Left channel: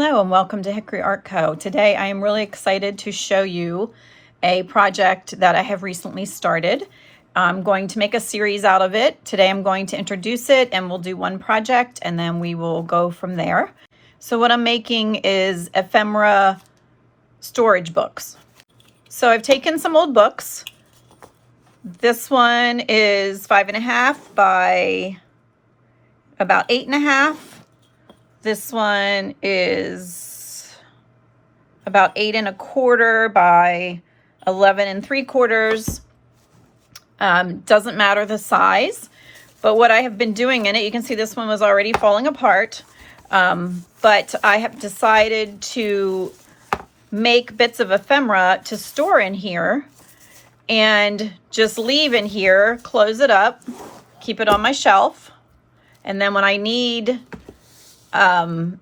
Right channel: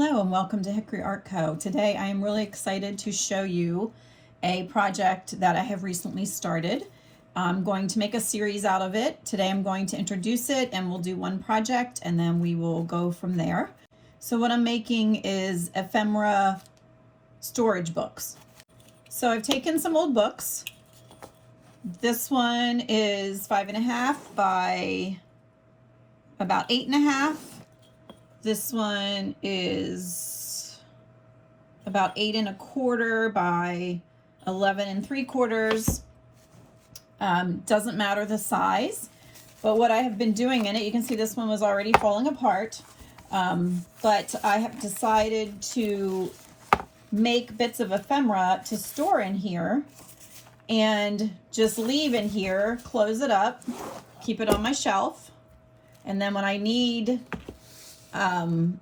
Hello and welcome to Hickory Art Co. Today I am really excited to show you a project that I have recently started. I'm going to make a series out of it. Today I'm going to introduce it and we'll do one project and then we will go from there. So what I'm making is ephemera storage books. So I've taken some old books. This one is 5.5 by about 8.5. This one is about 8.25 by 11.75. Doesn't matter the size, but what I have been doing in it, you can see this one was already falling apart, but I have decided to make bits of ephemera to store in here and just leave in here, close it up, keep it on my shelf, and then when I need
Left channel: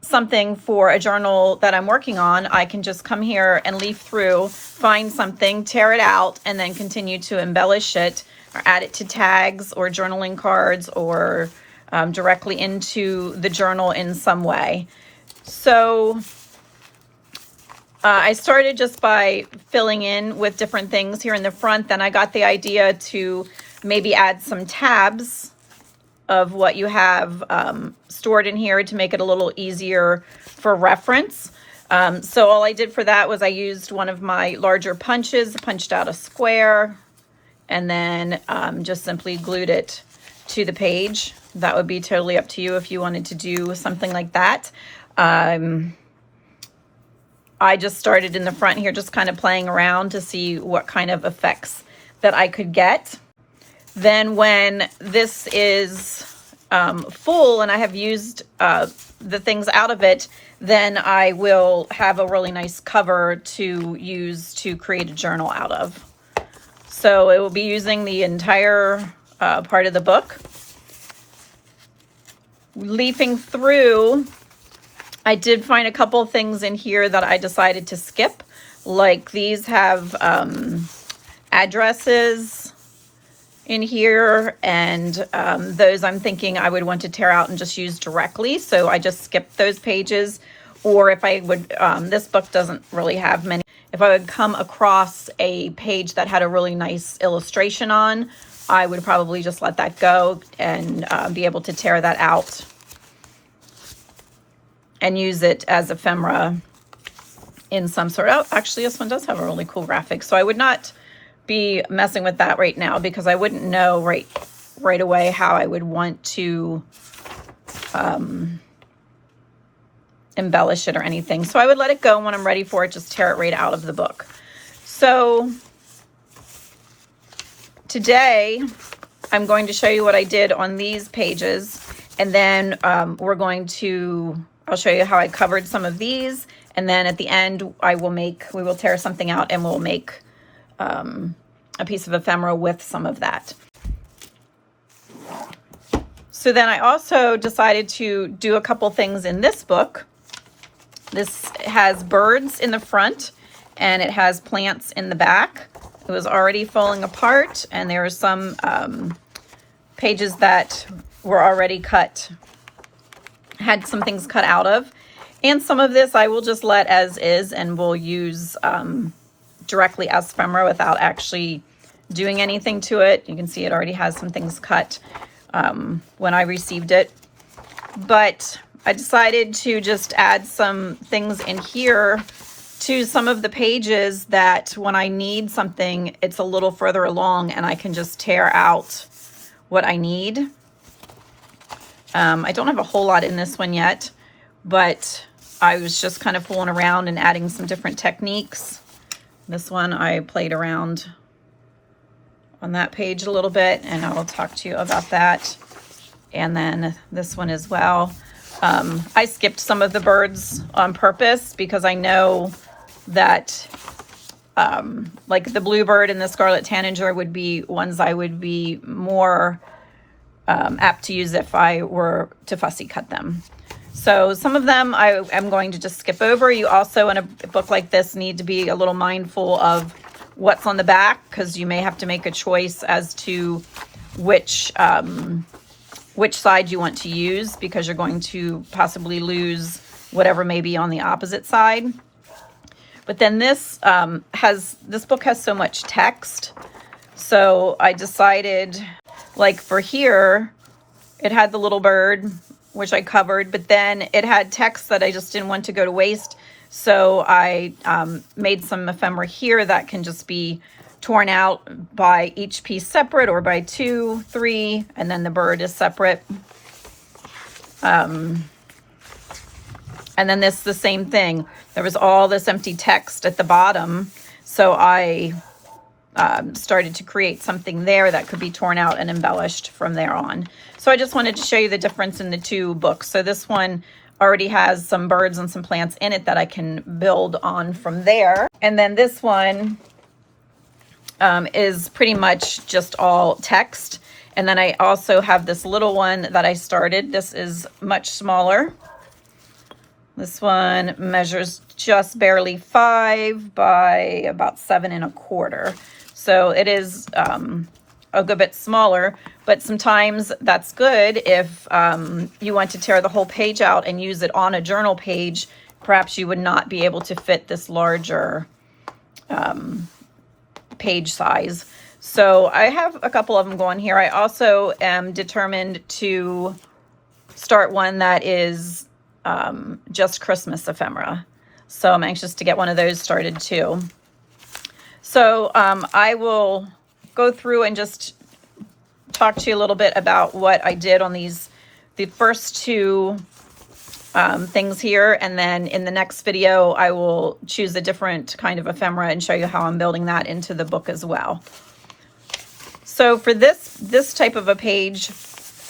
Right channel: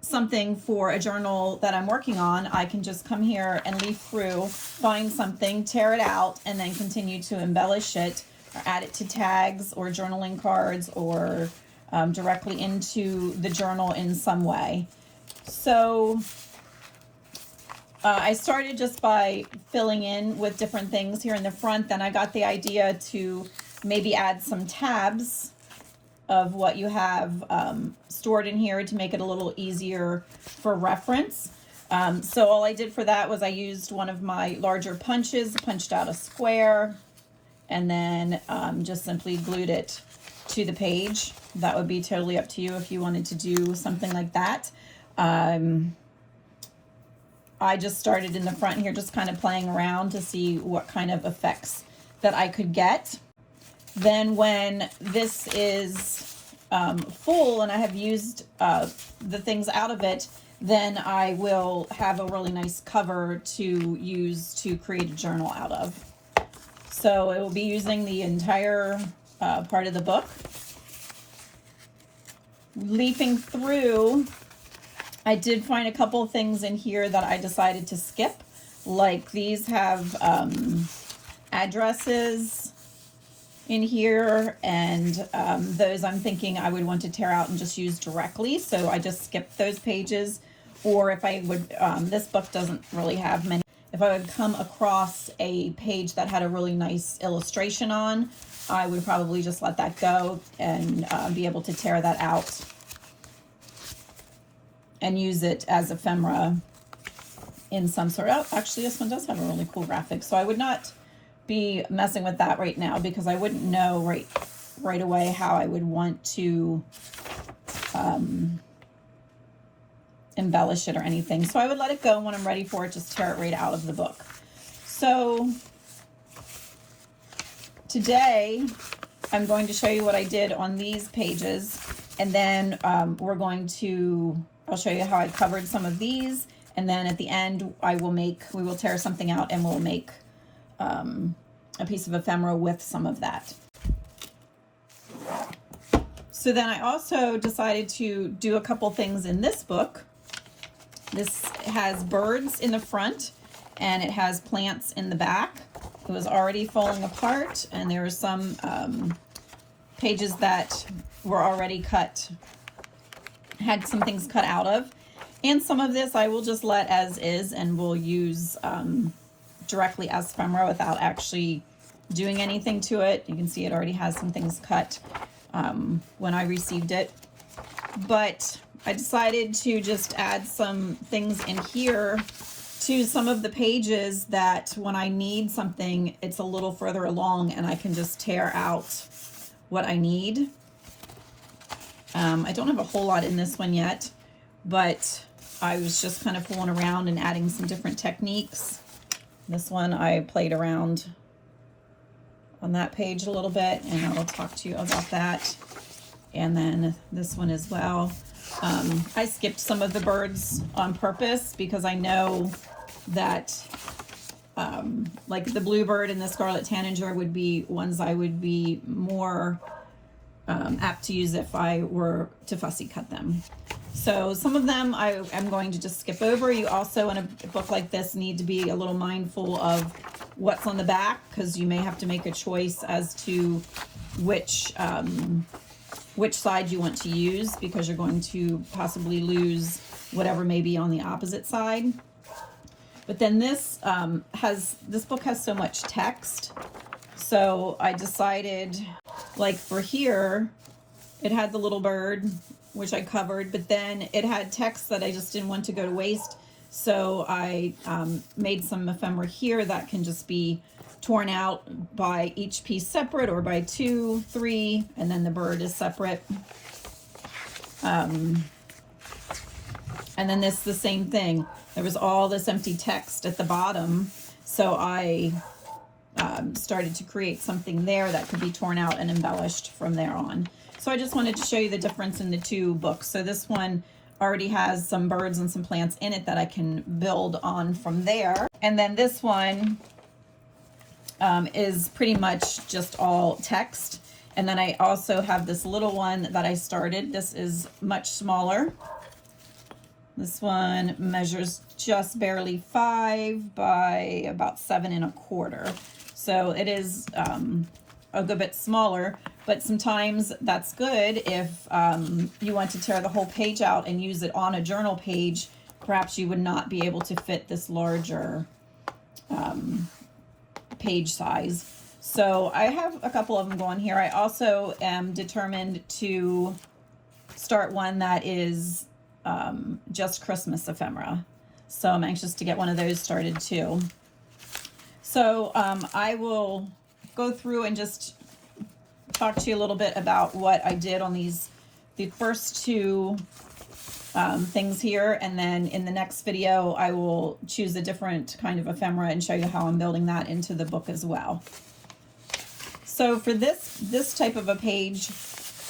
something for a journal that I'm working on, I can just come here and leaf through, find something, tear it out, and then continue to embellish it or add it to tags or journaling cards or directly into the journal in some way. So I started just by filling in with different things here in the front. Then I got the idea to maybe add some tabs of what you have stored in here to make it a little easier for reference. So all I did for that was I used one of my larger punches, punched out a square, and then just simply glued it to the page. That would be totally up to you if you wanted to do something like that. I just started in the front here, just kind of playing around to see what kind of effects that I could get. Then when this is full and I have used the things out of it, then I will have a really nice cover to use to create a journal out of. So it will be using the entire part of the book. Leafing through, I did find a couple things in here that I decided to skip. Like these have addresses in here, and those I'm thinking I would want to tear out and just use directly, so I just skipped those pages. Or if I would, this book doesn't really have many, if I would come across a page that had a really nice illustration on, I would probably just let that go and be able to tear that out and use it as ephemera in some sort of, oh, actually this one does have a really cool graphic, so I would not be messing with that right now because I wouldn't know right away how I would want to embellish it or anything. So I would let it go, when I'm ready for it, just tear it right out of the book. So today I'm going to show you what I did on these pages, and then I'll show you how I covered some of these, and then at the end we will tear something out and we'll make a piece of ephemera with some of that. So then I also decided to do a couple things in this book. This has birds in the front and it has plants in the back. It was already falling apart, and there are some pages that were already cut, had some things cut out of. And some of this I will just let as is and we'll use directly as ephemera without actually doing anything to it. You can see it already has some things cut when I received it. But I decided to just add some things in here to some of the pages that when I need something, it's a little further along and I can just tear out what I need. I don't have a whole lot in this one yet, but I was just kind of fooling around and adding some different techniques. This one I played around on that page a little bit, and I will talk to you about that. And then this one as well. I skipped some of the birds on purpose because I know that like the bluebird and the scarlet tanager would be ones I would be more apt to use if I were to fussy cut them. So some of them I am going to just skip over. You also, in a book like this, need to be a little mindful of what's on the back, because you may have to make a choice as to which side you want to use, because you're going to possibly lose whatever may be on the opposite side. But then this book has so much text. So I decided, like for here, it had the little bird, which I covered, but then it had text that I just didn't want to go to waste. So I made some ephemera here that can just be torn out by each piece separate, or by 2, 3, and then the bird is separate. And then this, the same thing. There was all this empty text at the bottom. So I started to create something there that could be torn out and embellished from there on. So I just wanted to show you the difference in the two books. So this one already has some birds and some plants in it that I can build on from there. And then this one is pretty much just all text. And then I also have this little one that I started. This is much smaller. This one measures just barely 5 by about 7 1/4. So it is a good bit smaller, but sometimes that's good if you want to tear the whole page out and use it on a journal page. Perhaps you would not be able to fit this larger page size. So I have a couple of them going here. I also am determined to start one that is just Christmas ephemera. So I'm anxious to get one of those started too. So I will go through and just talk to you a little bit about what I did on the first two things here. And then in the next video, I will choose a different kind of ephemera and show you how I'm building that into the book as well. So for this type of a page,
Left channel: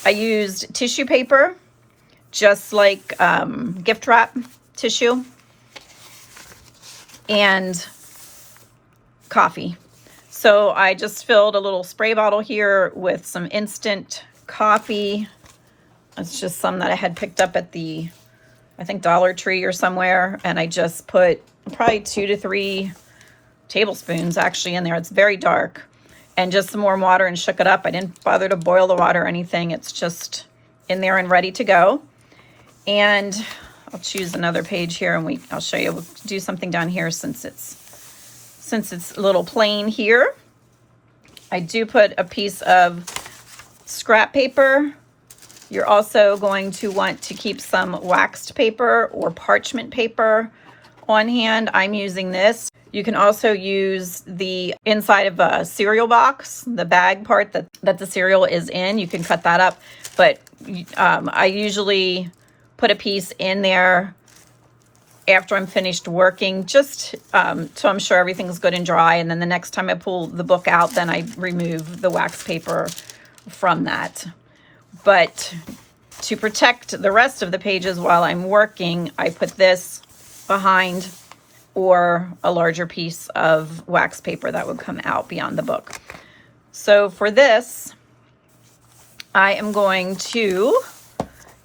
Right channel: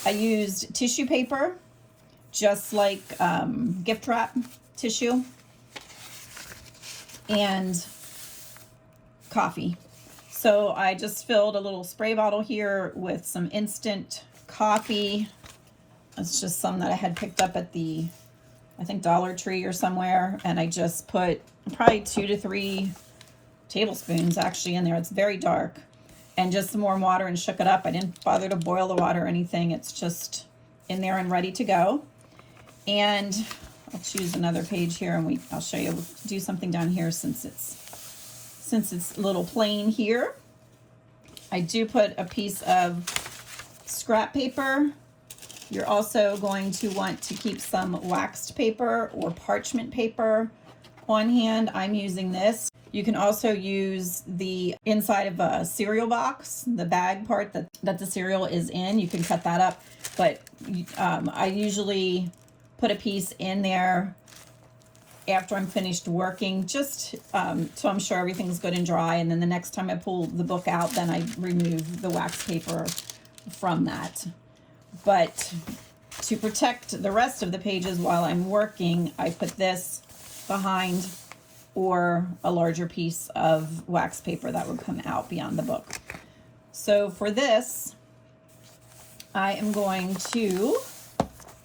I used tissue paper, just like gift wrap tissue, and coffee. So I just filled a little spray bottle here with some instant coffee. It's just some that I had picked up at the, I think, Dollar Tree or somewhere. And I just put probably 2 to 3 tablespoons actually in there. It's very dark. And just some warm water, and shook it up. I didn't bother to boil the water or anything. It's just in there and ready to go. And I'll choose another page here, and I'll show you. We'll do something down here since it's a little plain here. I do put a piece of scrap paper. You're also going to want to keep some waxed paper or parchment paper on hand. I'm using this. You can also use the inside of a cereal box, the bag part that the cereal is in. You can cut that up, but I usually put a piece in there after I'm finished working, just so I'm sure everything's good and dry. And then the next time I pull the book out, then I remove the wax paper from that. But to protect the rest of the pages while I'm working, I put this behind, or a larger piece of wax paper that would come out beyond the book. So for this, I am going to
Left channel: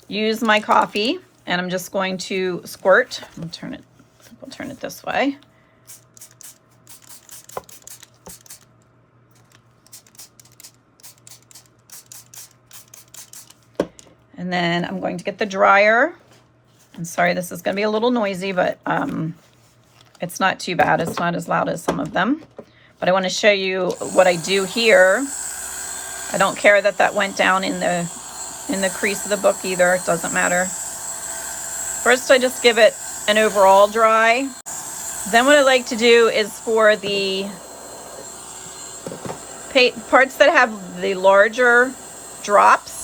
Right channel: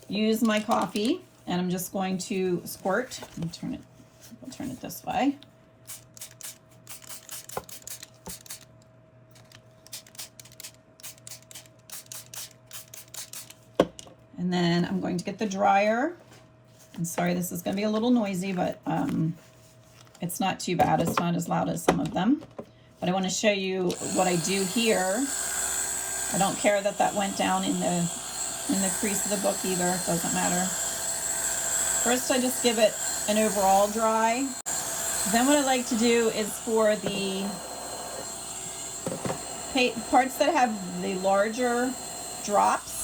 use my coffee, and I'm just going to squirt. We'll turn it this way. And then I'm going to get the dryer. I'm sorry, this is going to be a little noisy, but it's not too bad. It's not as loud as some of them. But I want to show you what I do here. I don't care that that went down in the crease of the book either. It doesn't matter. First, I just give it an overall dry. Then what I like to do is for the parts that have the larger drops,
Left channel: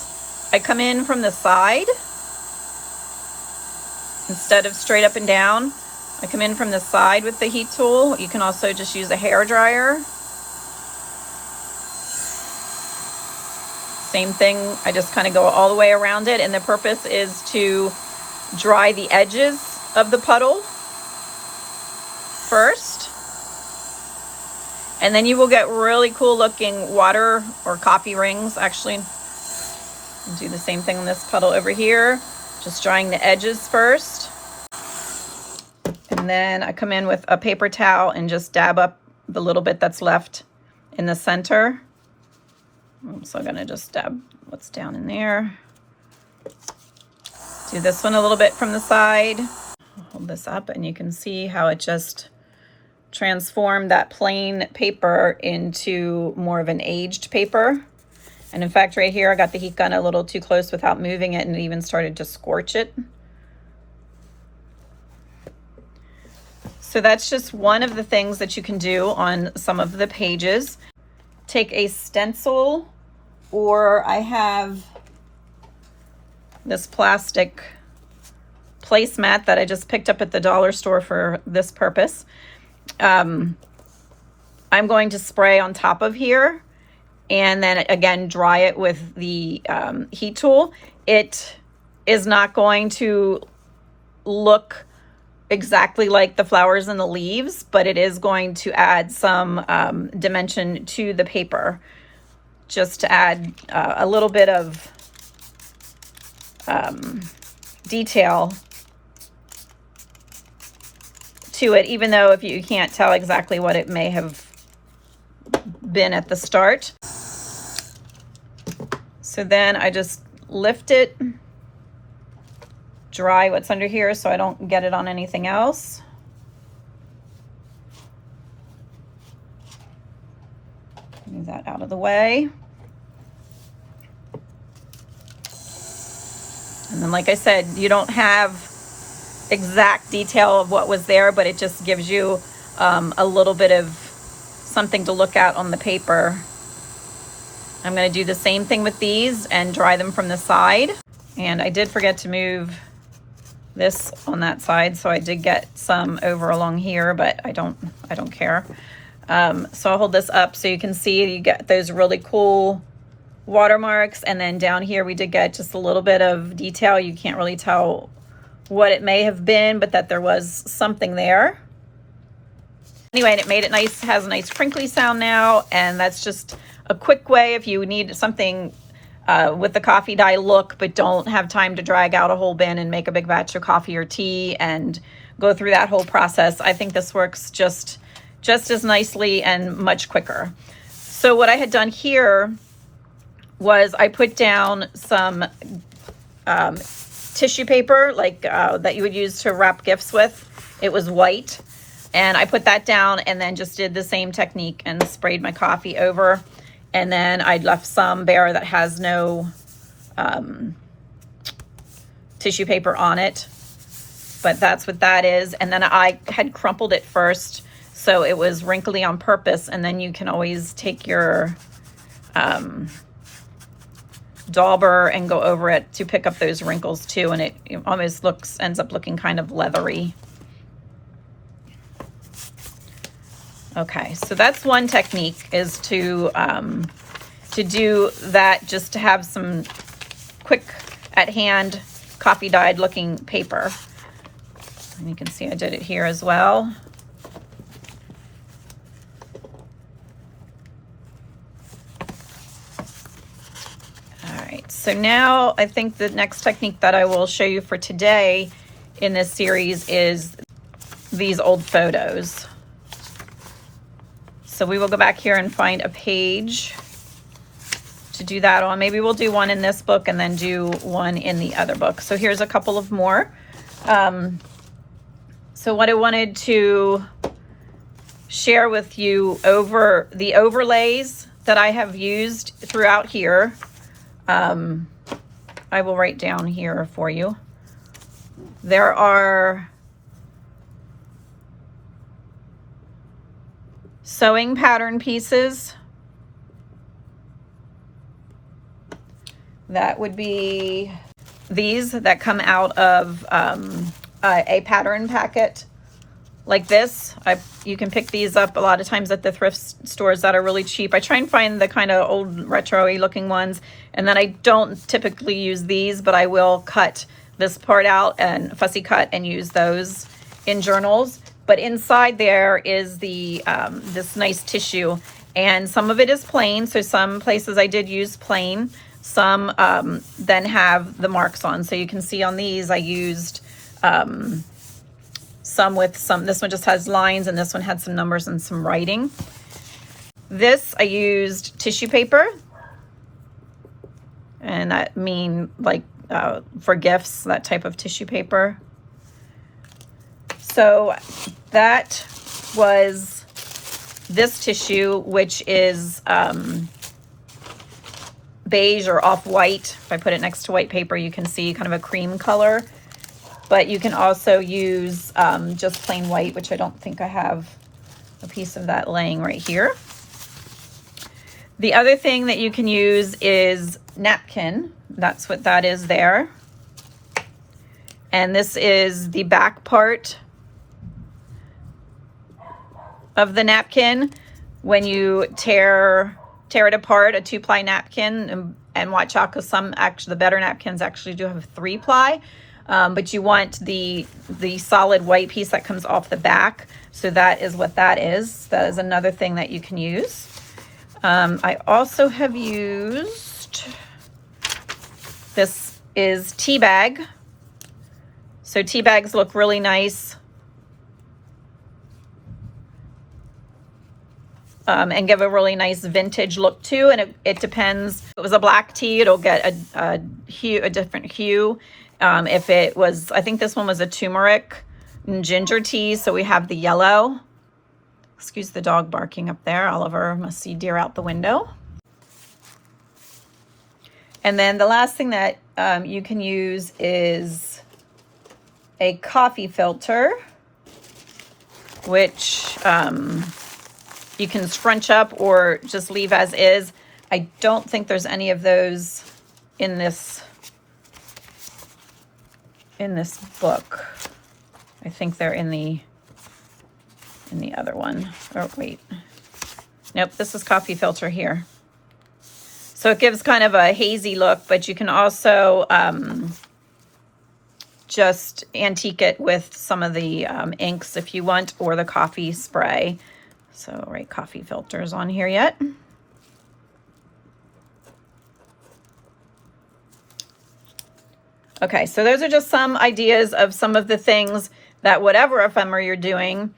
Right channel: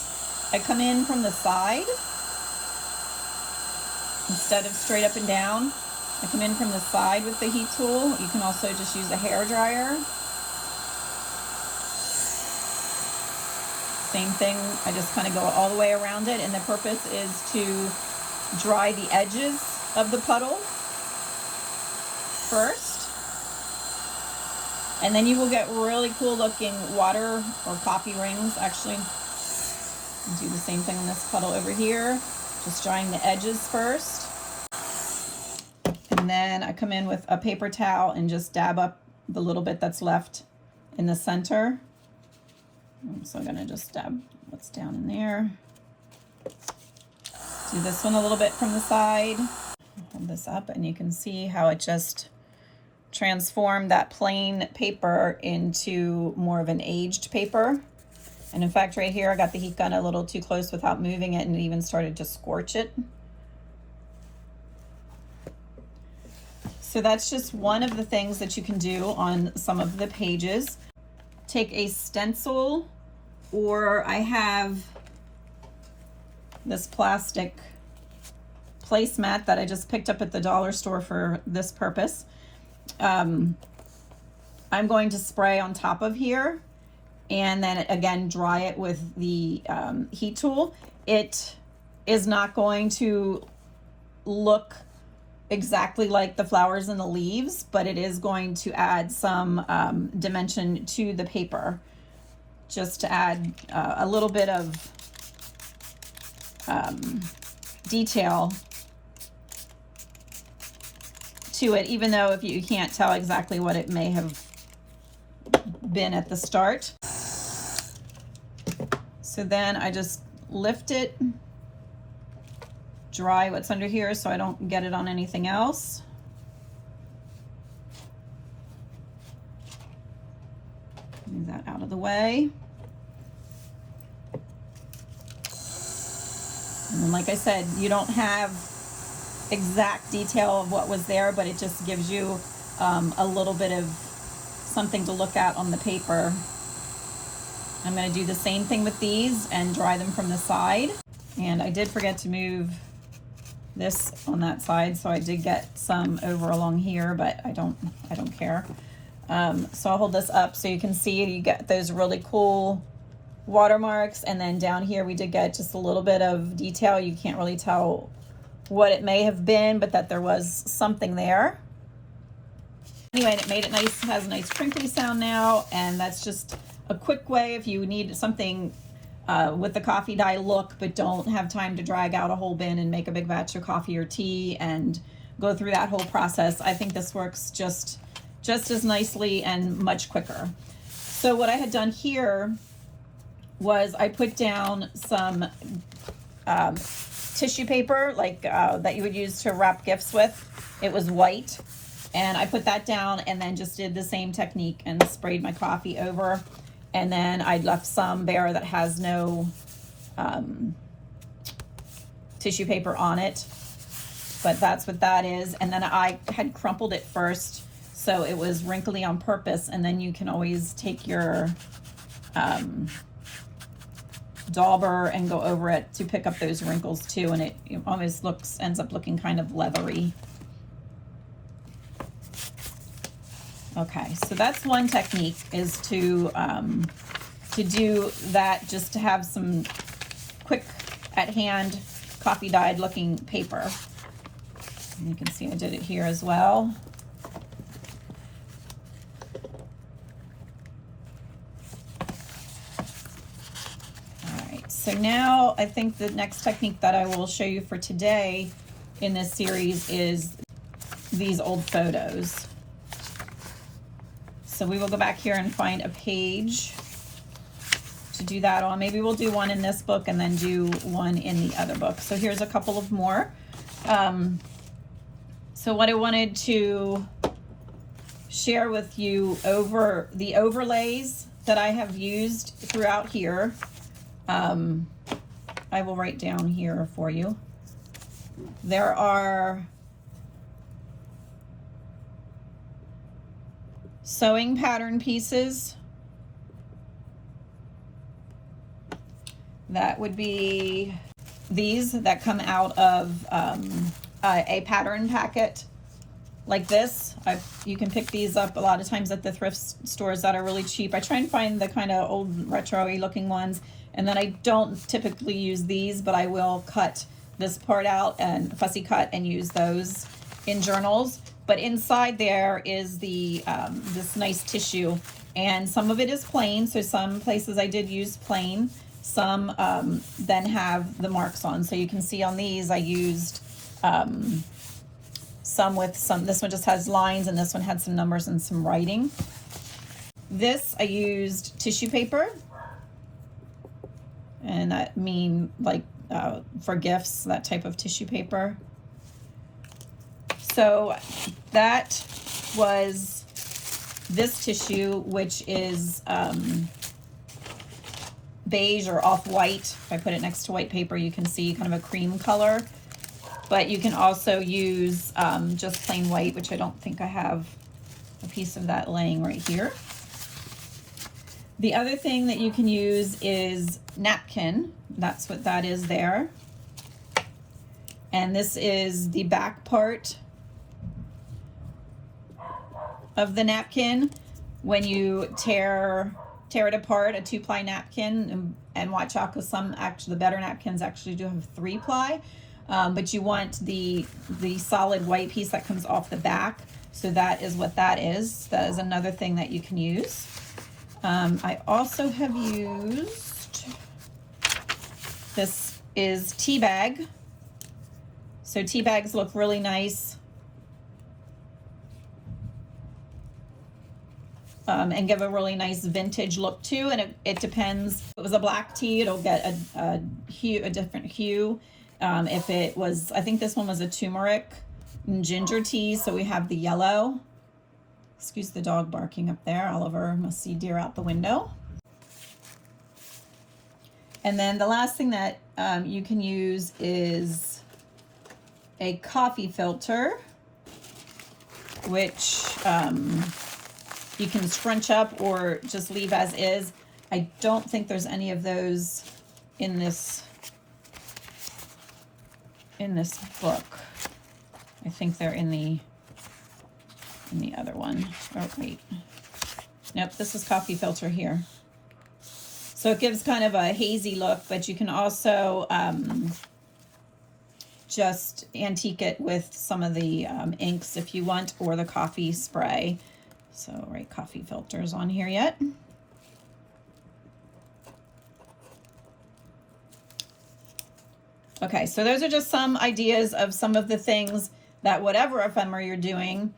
I come in from the side instead of straight up and down. I come in from the side with the heat tool. You can also just use a hair dryer. Same thing, I just kind of go all the way around it, and the purpose is to dry the edges of the puddle first. And then you will get really cool looking water or coffee rings. Actually, I'll do the same thing on this puddle over here, just drying the edges first. And then I come in with a paper towel and just dab up the little bit that's left in the center. So I'm gonna just dab what's down in there. Do this one a little bit from the side. Hold this up and you can see how it just transformed that plain paper into more of an aged paper. And in fact, right here, I got the heat gun a little too close without moving it, and it even started to scorch it. So that's just one of the things that you can do on some of the pages. Take a stencil, or I have this plastic placemat that I just picked up at the dollar store for this purpose. I'm going to spray on top of here and then again dry it with the heat tool. It is not going to look exactly like the flowers and the leaves, but it is going to add some dimension to the paper, just to add a little bit of detail to it, even though if you can't tell exactly what it may have been at the start. So then I just lift it, dry what's under here so I don't get it on anything else. Move that out of the way. And then, like I said, you don't have exact detail of what was there, but it just gives you a little bit of something to look at on the paper. I'm going to do the same thing with these and dry them from the side. And I did forget to move this on that side, so I did get some over along here, but I don't care. So I'll hold this up so you can see you get those really cool watermarks, and then down here we did get just a little bit of detail. You can't really tell what it may have been, but that there was something there. Anyway, and it made it nice, has a nice crinkly sound now, and that's just a quick way if you need something with the coffee dye look, but don't have time to drag out a whole bin and make a big batch of coffee or tea and go through that whole process. I think this works just as nicely and much quicker. So what I had done here was I put down some tissue paper, like that you would use to wrap gifts with. It was white, and I put that down and then just did the same technique and sprayed my coffee over. And then I left some bare that has no tissue paper on it, but that's what that is. And then I had crumpled it first, so it was wrinkly on purpose. And then you can always take your dauber and go over it to pick up those wrinkles too, and it almost ends up looking kind of leathery. Okay, so that's one technique, is to do that, just to have some quick at hand coffee dyed looking paper. And you can see I did it here as well. So now I think the next technique that I will show you for today in this series is these old photos. So we will go back here and find a page to do that on. Maybe we'll do one in this book and then do one in the other book. So here's a couple of more. So what I wanted to share with you over the overlays that I have used throughout here. I will write down here for you. There are sewing pattern pieces. That would be these that come out of a pattern packet like this. You can pick these up a lot of times at the thrift stores that are really cheap. I try and find the kind of old retro-y looking ones, and then I don't typically use these, but I will cut this part out and fussy cut and use those in journals. But inside there is the this nice tissue, and some of it is plain, so some places I did use plain. Some then have the marks on, so you can see on these I used some with some. This one just has lines, and this one had some numbers and some writing. This I used tissue paper, and I mean like for gifts, that type of tissue paper. So that was this tissue, which is beige or off-white. If I put it next to white paper, you can see kind of a cream color. But you can also use just plain white, which I don't think I have a piece of that laying right here. The other thing that you can use is napkin. That's what that is there. And this is the back part of the napkin. When you tear it apart, a 2-ply napkin, and watch out, because the better napkins actually do have 3-ply. But you want the solid white piece that comes off the back. So that is what that is. That is another thing that you can use. I also have used, this is tea bag. So tea bags look really nice. And give a really nice vintage look too. And it depends. If it was a black tea, it'll get a different hue. If it was, I think this one was a turmeric and ginger tea, so we have the yellow. Excuse the dog barking up there. Oliver must see deer out the window. And then the last thing that you can use is a coffee filter, which you can scrunch up or just leave as is. I don't think there's any of those in this book. I think they're in the other one. Oh, wait. Nope, this is coffee filter here. So it gives kind of a hazy look, but you can also just antique it with some of the inks if you want, or the coffee spray. So, right, coffee filters on here yet. Okay, so those are just some ideas of some of the things that whatever ephemera you're doing,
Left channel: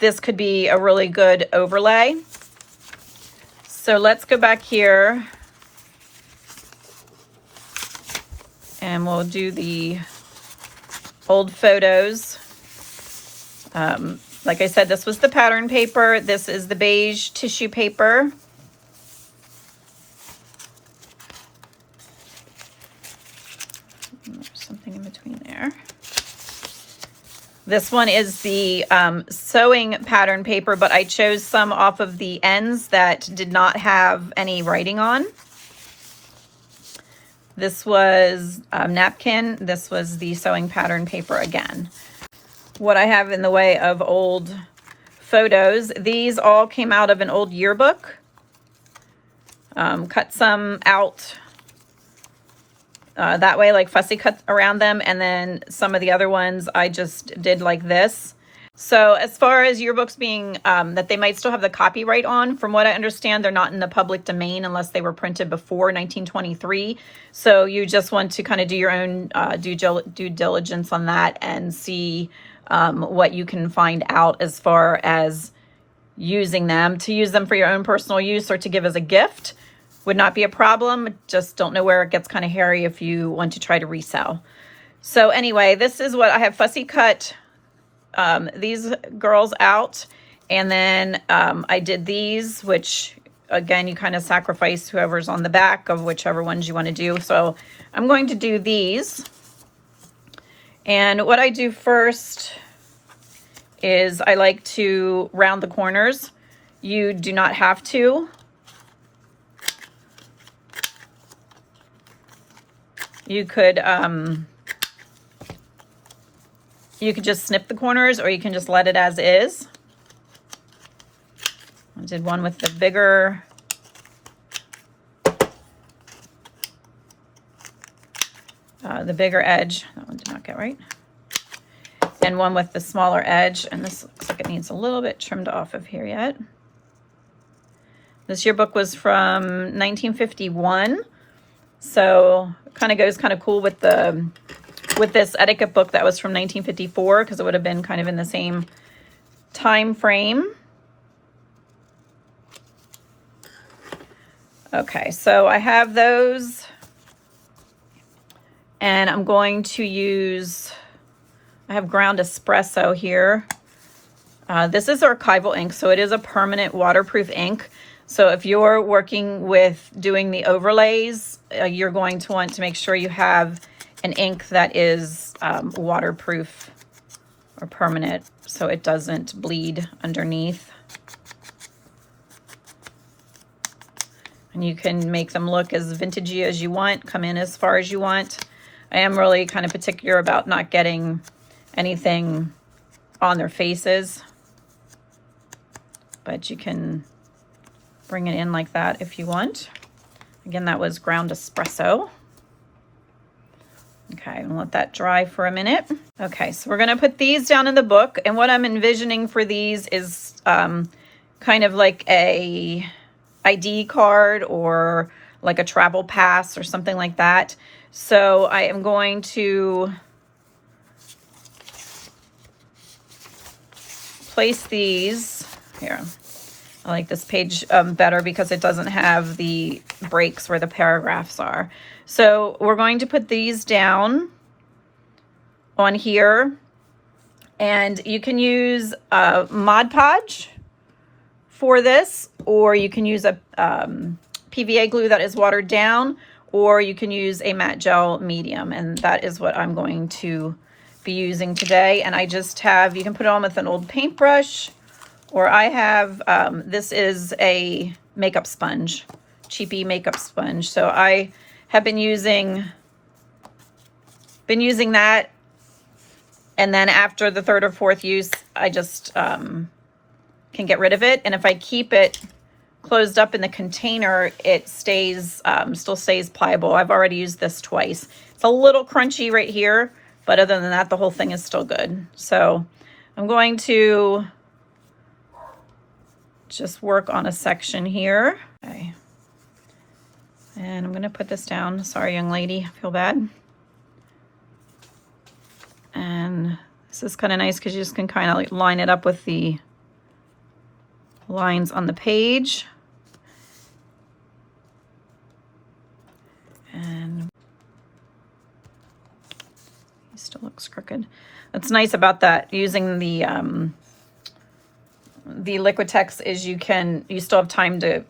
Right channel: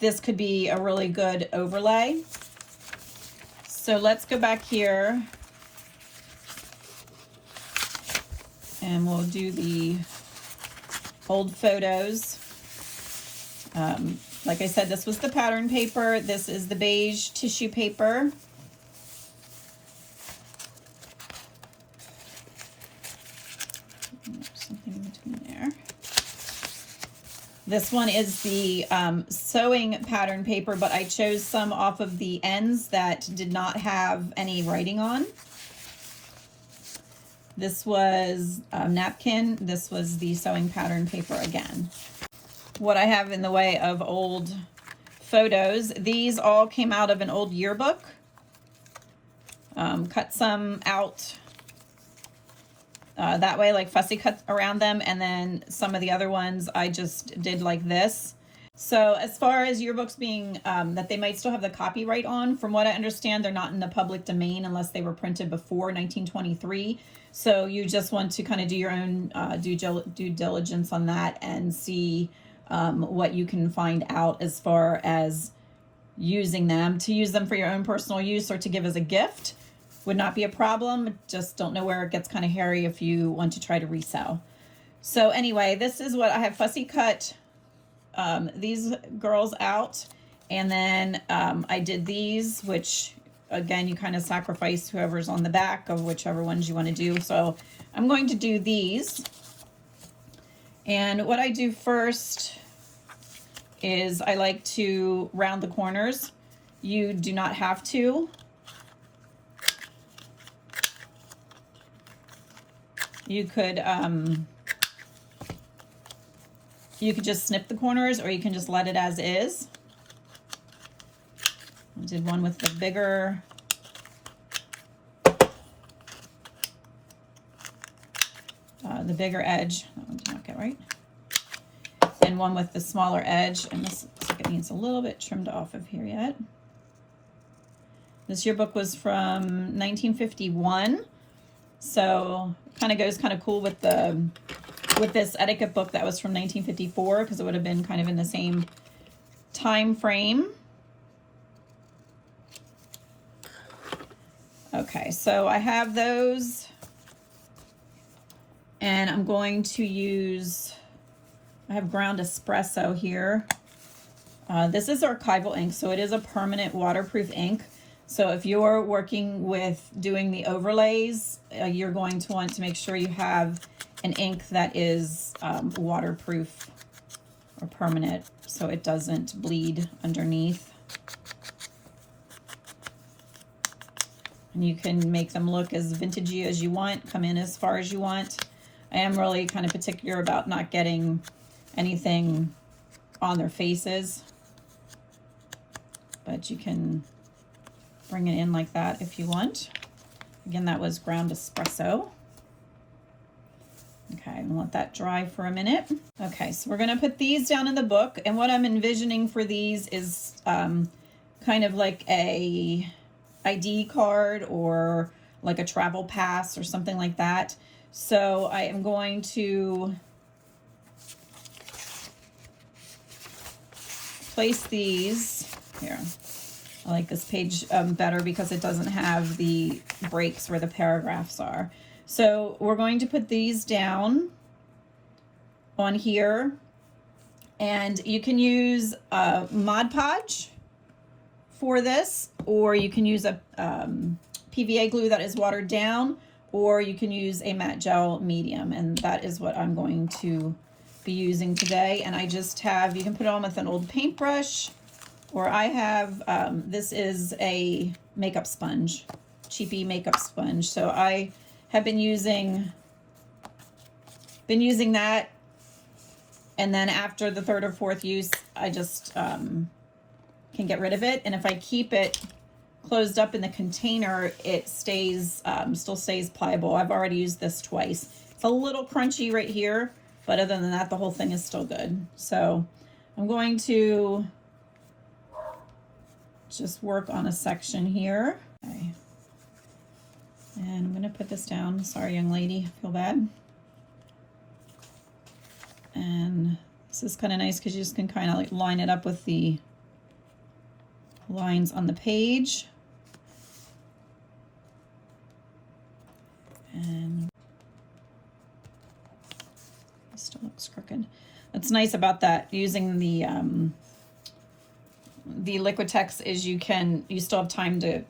this could be a really good overlay. So let's go back here and we'll do the old photos. Like I said, this was the pattern paper. This is the beige tissue paper. There's something in between there. This one is the sewing pattern paper, but I chose some off of the ends that did not have any writing on. This was napkin. This was the sewing pattern paper again. What I have in the way of old photos, these all came out of an old yearbook. Cut some out that way, like fussy cut around them, and then some of the other ones I just did like this. So as far as yearbooks being that they might still have the copyright on, from what I understand, they're not in the public domain unless they were printed before 1923. So you just want to kind of do your own due diligence on that and see what you can find out as far as using them. To use them for your own personal use or to give as a gift would not be a problem. Just don't know where it gets kind of hairy if you want to try to resell. So anyway, this is what I have fussy cut these girls out. And then I did these, which again, you kind of sacrifice whoever's on the back of whichever ones you want to do. So I'm going to do these. And what I do first is I like to round the corners. You do not have to. You could just snip the corners, or you can just let it as is. I did one with the bigger edge. That one did not get right. And one with the smaller edge, and this looks like it needs a little bit trimmed off of here yet. This yearbook was from 1951, so it kind of goes kind of cool with this etiquette book that was from 1954, because it would have been kind of in the same time frame. Okay, so I have those. And I'm going to use, I have ground espresso here. This is archival ink, so it is a permanent waterproof ink. So if you're working with doing the overlays, you're going to want to make sure you have an ink that is waterproof or permanent so it doesn't bleed underneath. And you can make them look as vintagey as you want, come in as far as you want. I am really kind of particular about not getting anything on their faces, but you can bring it in like that if you want. Again, that was ground espresso. Okay, and let that dry for a minute. Okay, so we're gonna put these down in the book, and what I'm envisioning for these is kind of like a ID card or like a travel pass or something like that. So I am going to place these here. I like this page better because it doesn't have the breaks where the paragraphs are. So we're going to put these down on here, and you can use Mod Podge for this, or you can use a PVA glue that is watered down, or you can use a matte gel medium, and that is what I'm going to be using today. And I just have, you can put it on with an old paintbrush, or I have, this is a makeup sponge, cheapy makeup sponge. So I have been using that, and then after the third or fourth use, I just can get rid of it. And if I keep it closed up in the container, it stays, still stays pliable. I've already used this twice. It's a little crunchy right here, but other than that, the whole thing is still good. So I'm going to just work on a section here. Okay. And I'm gonna put this down. Sorry, young lady, I feel bad. And this is kind of nice because you just can kind of like line it up with the lines on the page. And it still looks crooked. That's nice about that, using the Liquitex, is you still have time to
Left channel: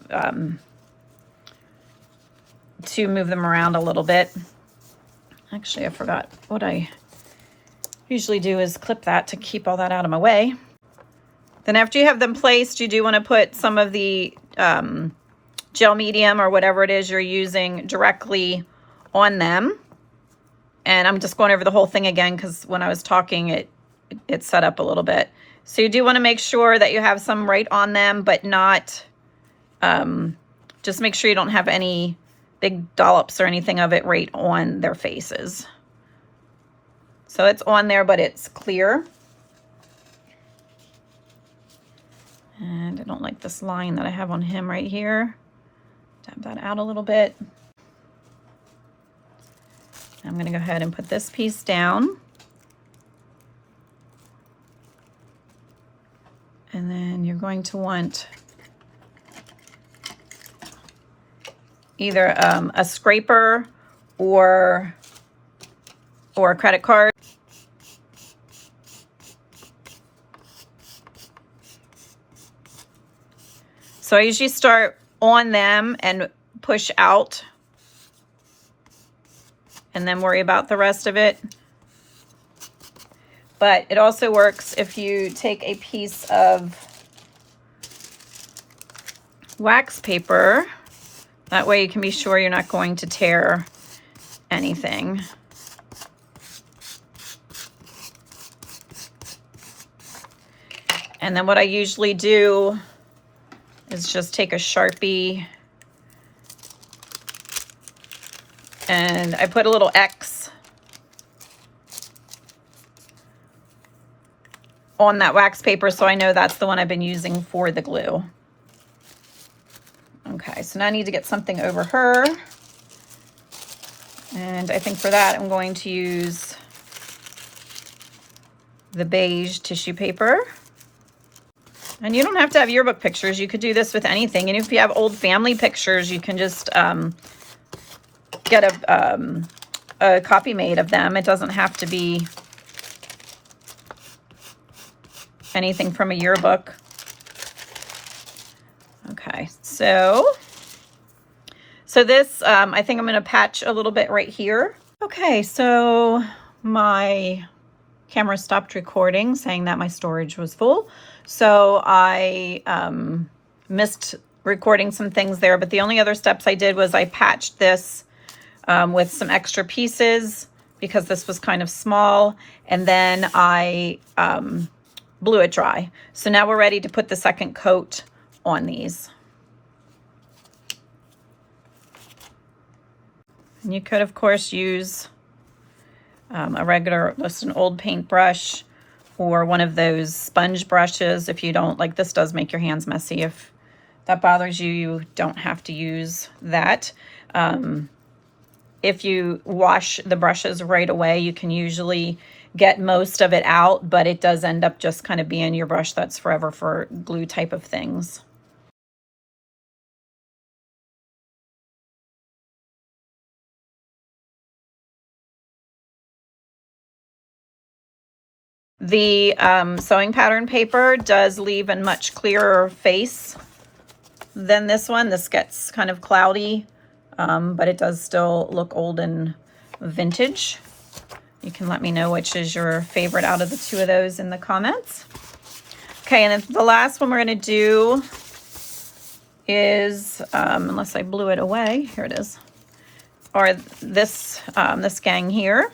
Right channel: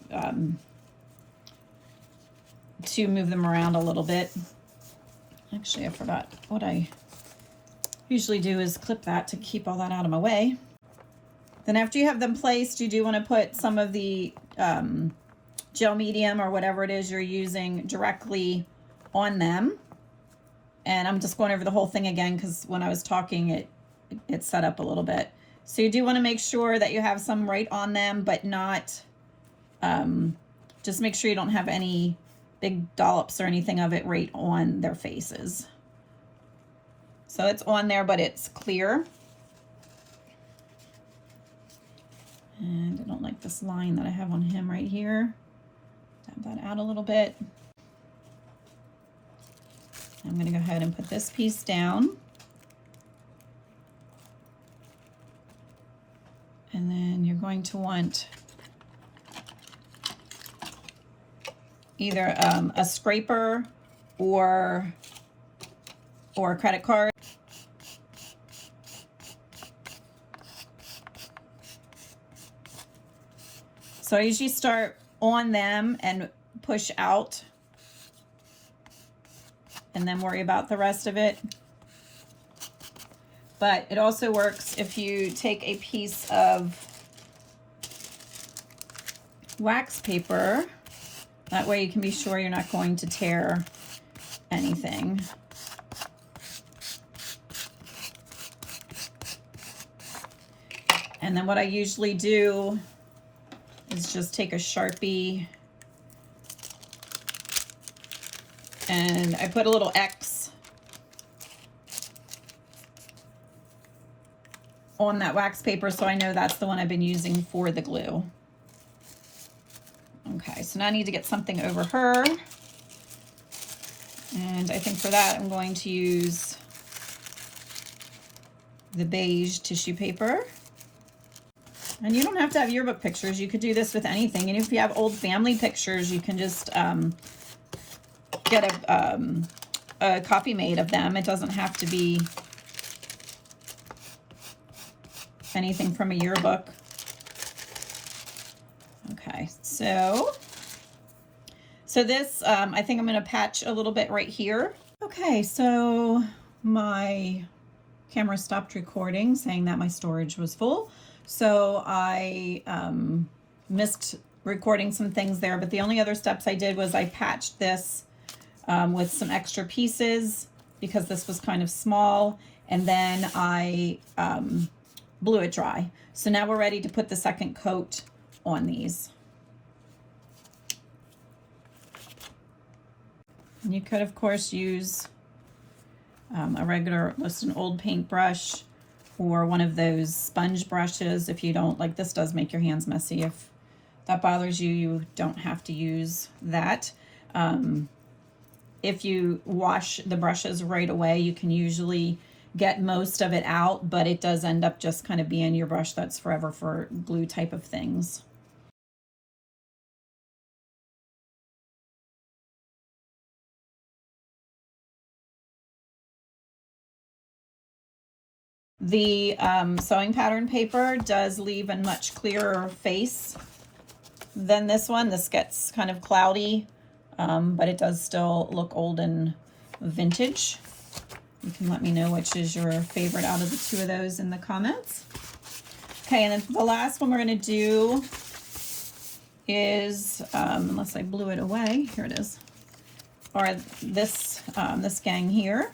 move them around a little bit. Actually, I forgot. What I usually do is clip that to keep all that out of my way. Then after you have them placed, you do want to put some of the gel medium or whatever it is you're using directly on them. And I'm just going over the whole thing again because when I was talking, it set up a little bit. So you do want to make sure that you have some right on them, but not, just make sure you don't have any big dollops or anything of it right on their faces. So it's on there, but it's clear. And I don't like this line that I have on him right here. Tap that out a little bit. I'm going to go ahead and put this piece down. And then you're going to want either a scraper or a credit card. So I usually start on them and push out, and then worry about the rest of it. But it also works if you take a piece of wax paper. That way you can be sure you're not going to tear anything. And then what I usually do is just take a Sharpie and I put a little X on that wax paper so I know that's the one I've been using for the glue. Okay, so now I need to get something over her. And I think for that I'm going to use the beige tissue paper. And you don't have to have yearbook pictures. You could do this with anything. And if you have old family pictures, you can just get a a copy made of them. It doesn't have to be anything from a yearbook. Okay, so this, I think I'm going to patch a little bit right here. Okay, so my camera stopped recording, saying that my storage was full. So I missed recording some things there, but the only other steps I did was I patched this with some extra pieces because this was kind of small, and then I blew it dry. So now we're ready to put the second coat on these. And you could, of course, use a regular, just an old paintbrush or one of those sponge brushes if you don't, like this does make your hands messy. If that bothers you, you don't have to use that. If you wash the brushes right away, you can usually get most of it out, but it does end up just kind of being your brush that's forever for glue type of things. The sewing pattern paper does leave a much clearer face than this one. This gets kind of cloudy, but it does still look old and vintage. You can let me know which is your favorite out of the two of those in the comments. Okay, and then the last one we're going to do is, unless I blew it away, here it is, or this, this gang here.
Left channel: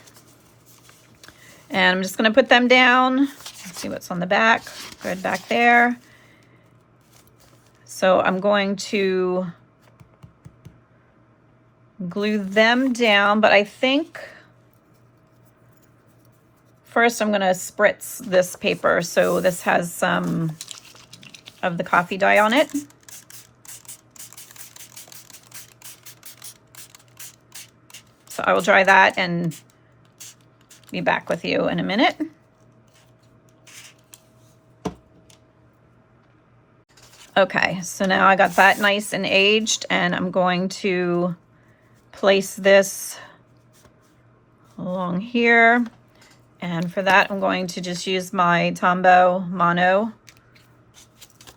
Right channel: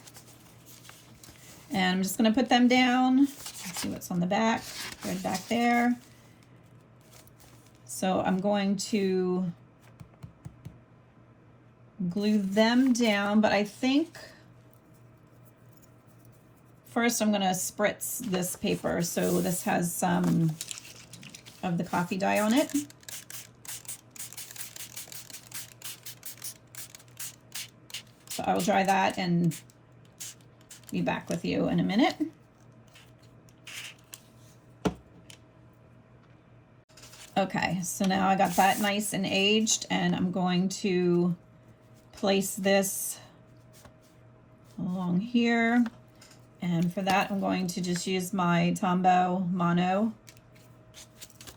And I'm just going to put them down. Let's see what's on the back. Thread back there. So I'm going to glue them down, but I think first I'm going to spritz this paper. So this has some of the coffee dye on it. So I will dry that and be back with you in a minute. Okay, so now I got that nice and aged, and I'm going to place this along here. And for that, I'm going to just use my Tombow Mono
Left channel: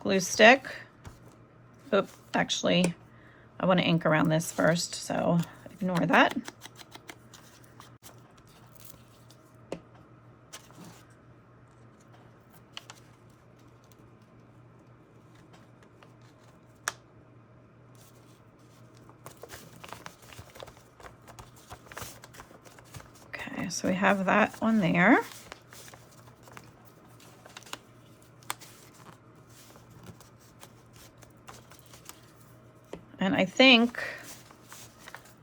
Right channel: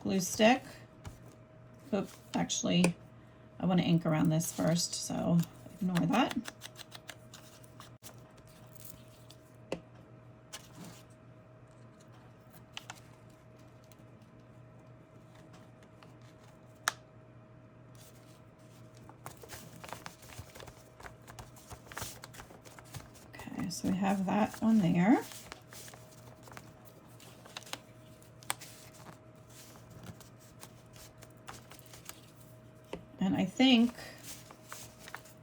glue stick. Oops, actually, I want to ink around this first, so ignore that. So we have that one there. And I think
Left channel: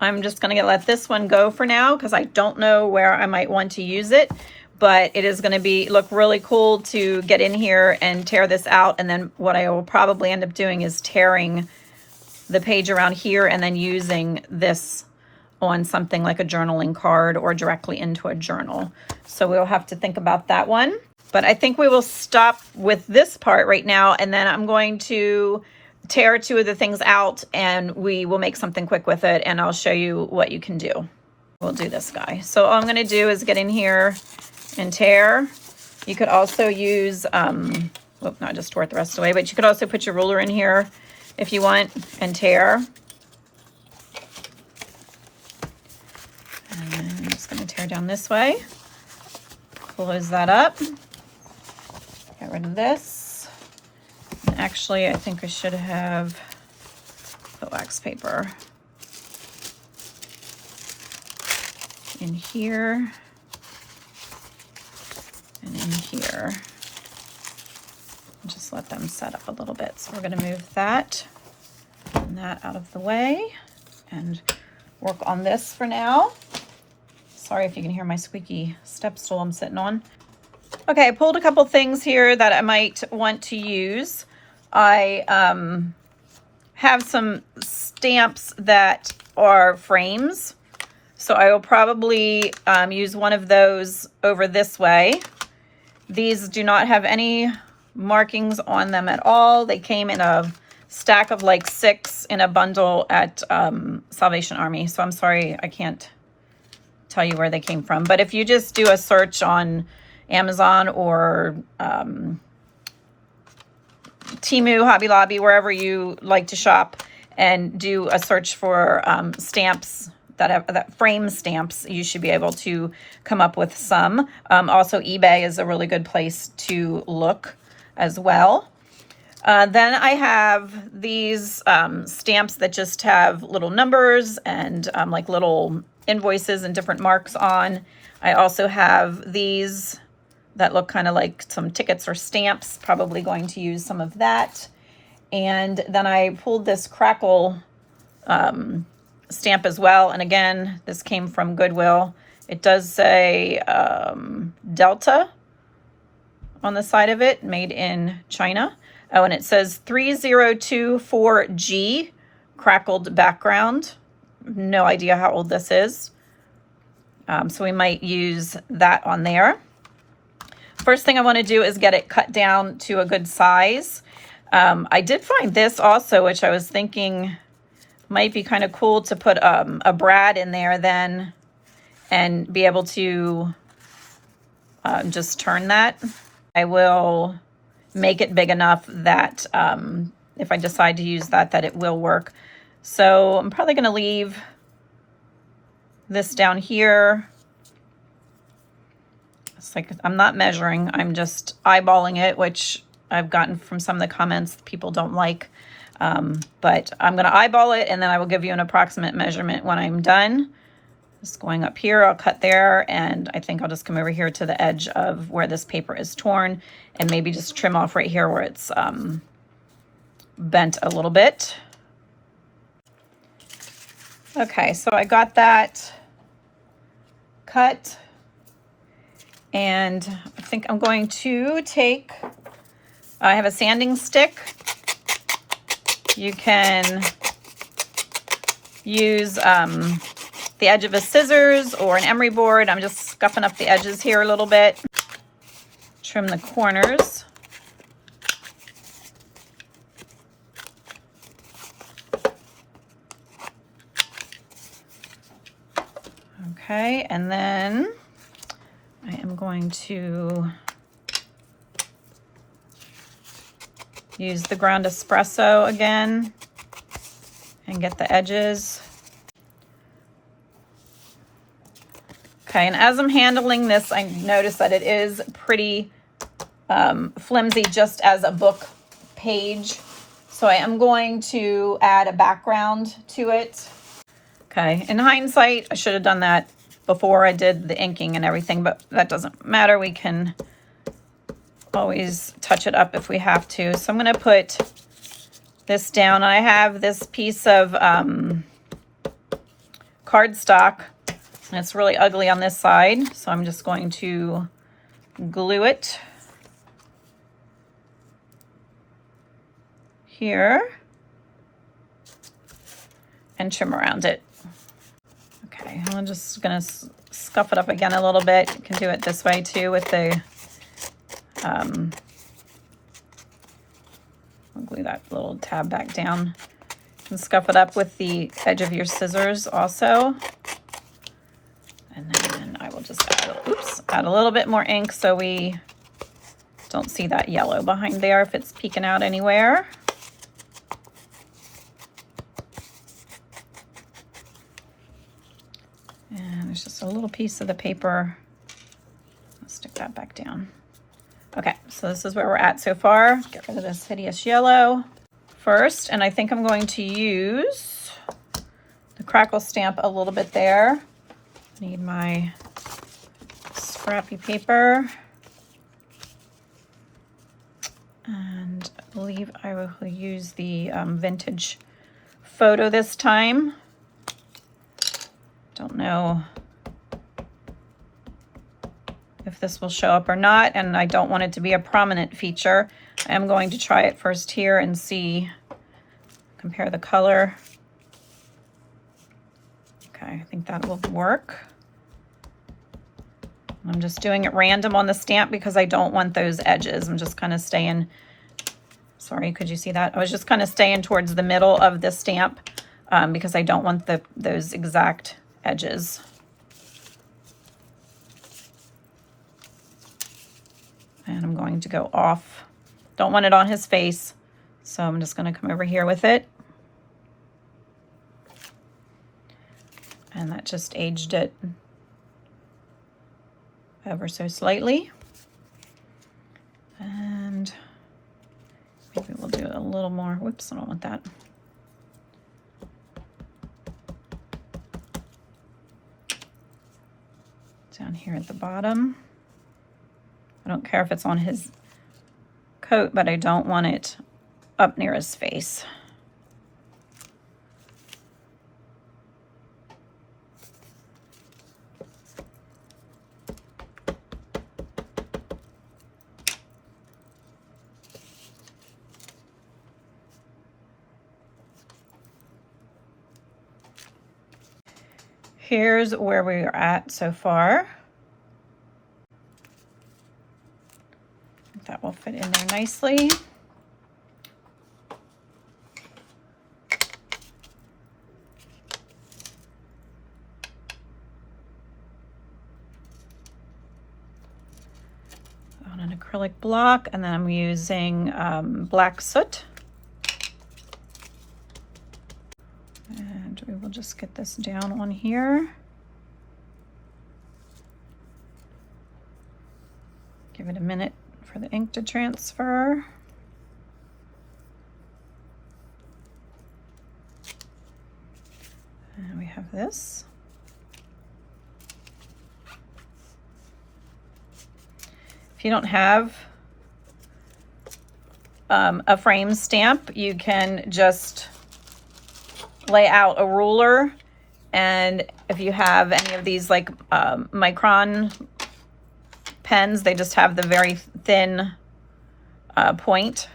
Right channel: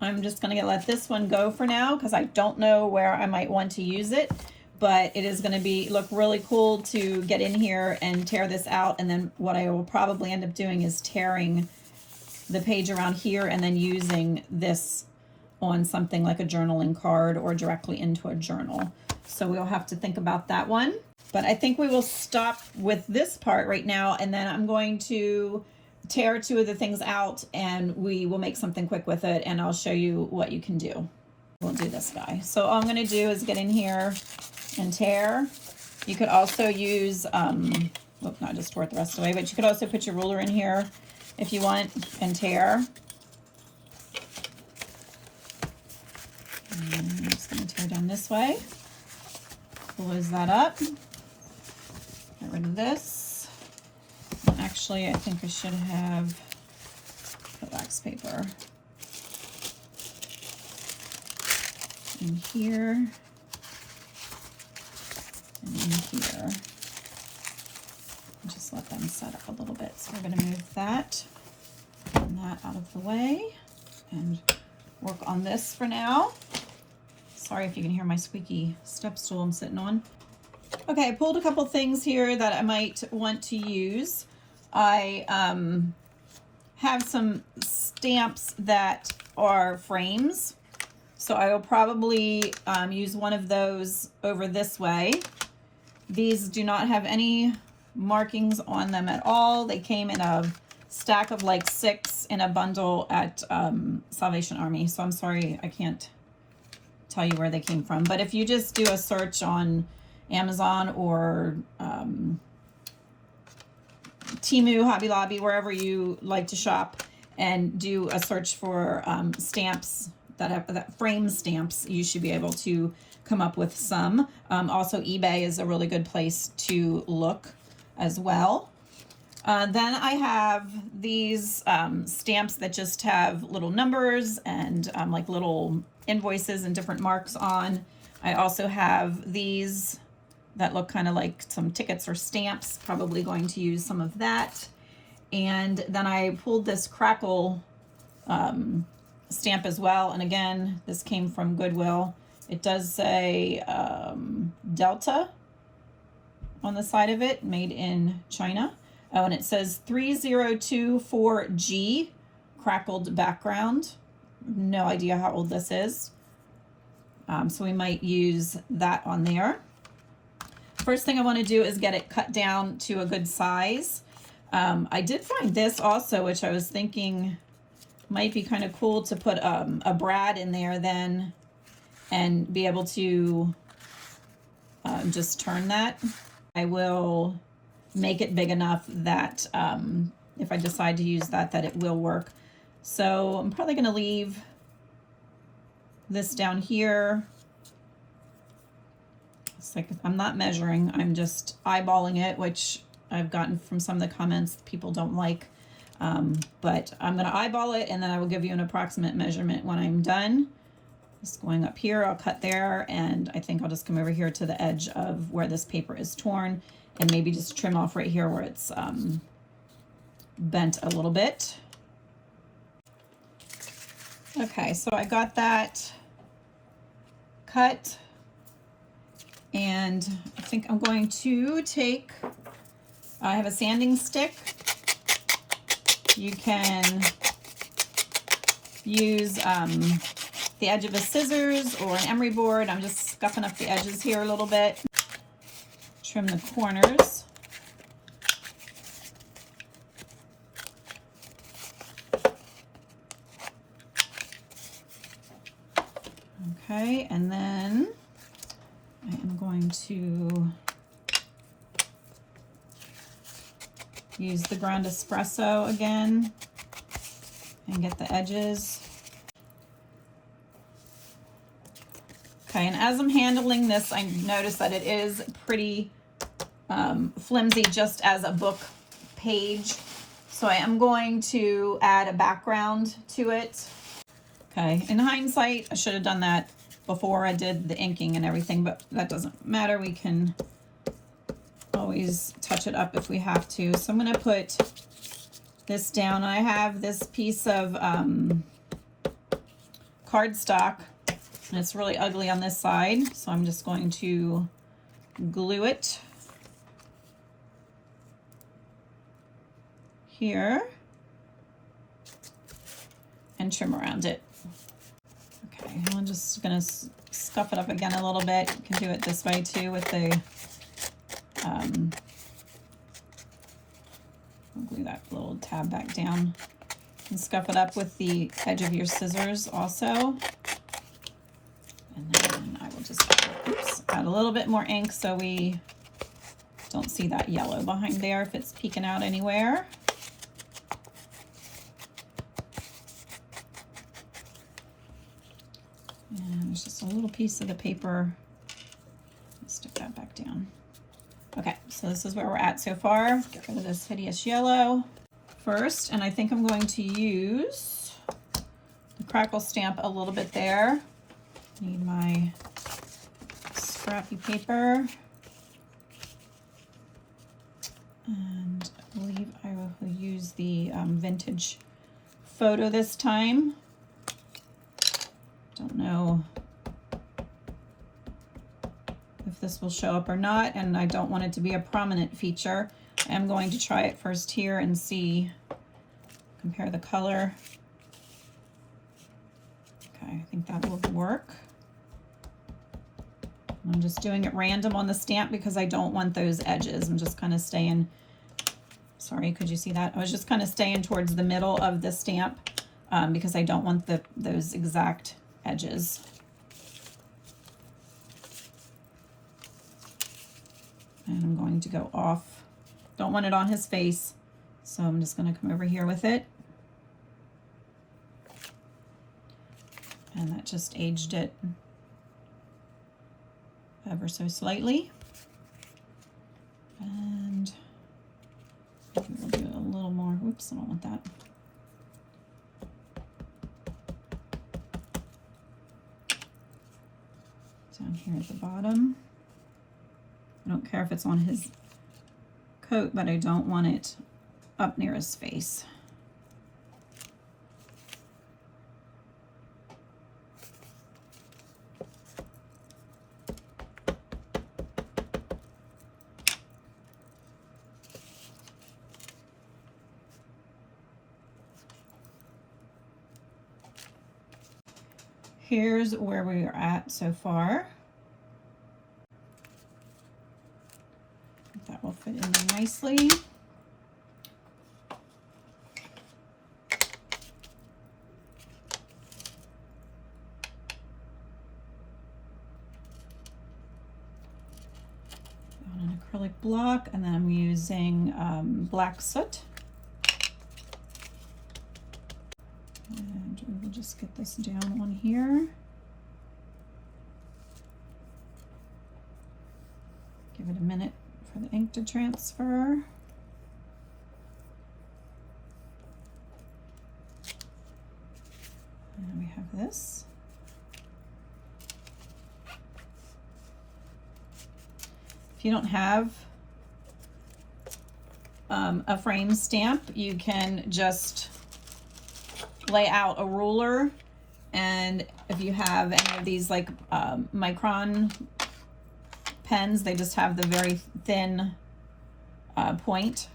I'm just going to let this one go for now because I don't know where I might want to use it, but it is going to look really cool to get in here and tear this out. And then what I will probably end up doing is tearing the page around here and then using this on something like a journaling card or directly into a journal. So we'll have to think about that one. But I think we will stop with this part right now, and then I'm going to tear two of the things out and we will make something quick with it, and I'll show you what you can do. We'll do this guy. So all I'm going to do is get in here and tear. You could also use, not just tore it the rest of the way, but you could also put your ruler in here if you want and tear. And I'm just going to tear down this way, close that up, get rid of this. And actually, I think I should have the wax paper in here and in here. Just let them set up a little bit. So we're going to move that and that out of the way and work on this for now. Sorry if you can hear my squeaky step stool I'm sitting on. Okay, I pulled a couple things here that I might want to use. I have some stamps that are frames, so I will probably use one of those over this way. These do not have any markings on them at all. They came in a stack of like 6 in a bundle at Salvation Army, so I'm sorry I can't tell you where they came from. But if you just do a search on Amazon or Temu, Hobby Lobby, wherever you like to shop, and do a search for stamps that frame stamps, you should be able to come up with some. Also, eBay is a really good place to look as well. Then I have these stamps that just have little numbers and like little invoices and different marks on. I also have these that look kind of like some tickets or stamps, probably going to use some of that. And then I pulled this crackle stamp as well. And again, this came from Goodwill. It does say Delta on the side of it, made in China. Oh, and it says 3024G, crackled background. No idea how old this is. So we might use that on there. First thing I want to do is get it cut down to a good size. I did find this also, which I was thinking might be kind of cool to put a brad in there then and be able to just turn that. I will make it big enough that if I decide to use that, that it will work. So I'm probably going to leave this down here. It's like, I'm not measuring, I'm just eyeballing it, which I've gotten from some of the comments people don't like. But I'm going to eyeball it, and then I will give you an approximate measurement when I'm done. Just going up here, I'll cut there, and I think I'll just come over here to the edge of where this paper is torn, and maybe just trim off right here where it's bent a little bit. Okay, so I got that cut, and I think I'm going to take, I have a sanding stick. You can use the edge of a scissors or an emery board. I'm just scuffing up the edges here a little bit. Trim the corners. Okay, and then I am going to use the ground espresso again and get the edges. Okay, and as I'm handling this, I notice that it is pretty flimsy just as a book page. So I am going to add a background to it. Okay, in hindsight, I should have done that before I did the inking and everything, but that doesn't matter. We can always touch it up if we have to. So I'm going to put this down. I have this piece of cardstock, and it's really ugly on this side, so I'm just going to glue it here and trim around it. Okay, I'm just going to scuff it up again a little bit. You can do it this way too with the I'll glue that little tab back down and scuff it up with the edge of your scissors also. And then I will just add a little bit more ink so we don't see that yellow behind there if it's peeking out anywhere. And there's just a little piece of the paper. Let's stick that back down. Okay, so this is where we're at so far. Get rid of this hideous yellow first, and I think I'm going to use the crackle stamp a little bit there. Need my scrappy paper. And I believe I will use the vintage photo this time. Don't know if this will show up or not, and I don't want it to be a prominent feature. I am going to try it first here and see, compare the color. Okay, I think that will work. I'm just doing it random on the stamp because I don't want those edges. I'm just kind of staying, sorry, could you see that? I was just kind of staying towards the middle of the stamp because I don't want those exact edges. And I'm going to go off. Don't want it on his face, so I'm just going to come over here with it. And that just aged it ever so slightly. And maybe we'll do a little more. Whoops, I don't want that. Down here at the bottom. I don't care if it's on his coat, but I don't want it up near his face. Here's where we are at so far. That will fit in there nicely. On an acrylic block, and then I'm using black soot. And we will just get this down on here. Give it a minute for the ink to transfer. And we have this. If you don't have a frame stamp, you can just lay out a ruler, and if you have any of these like micron pens, they just have the very thin point.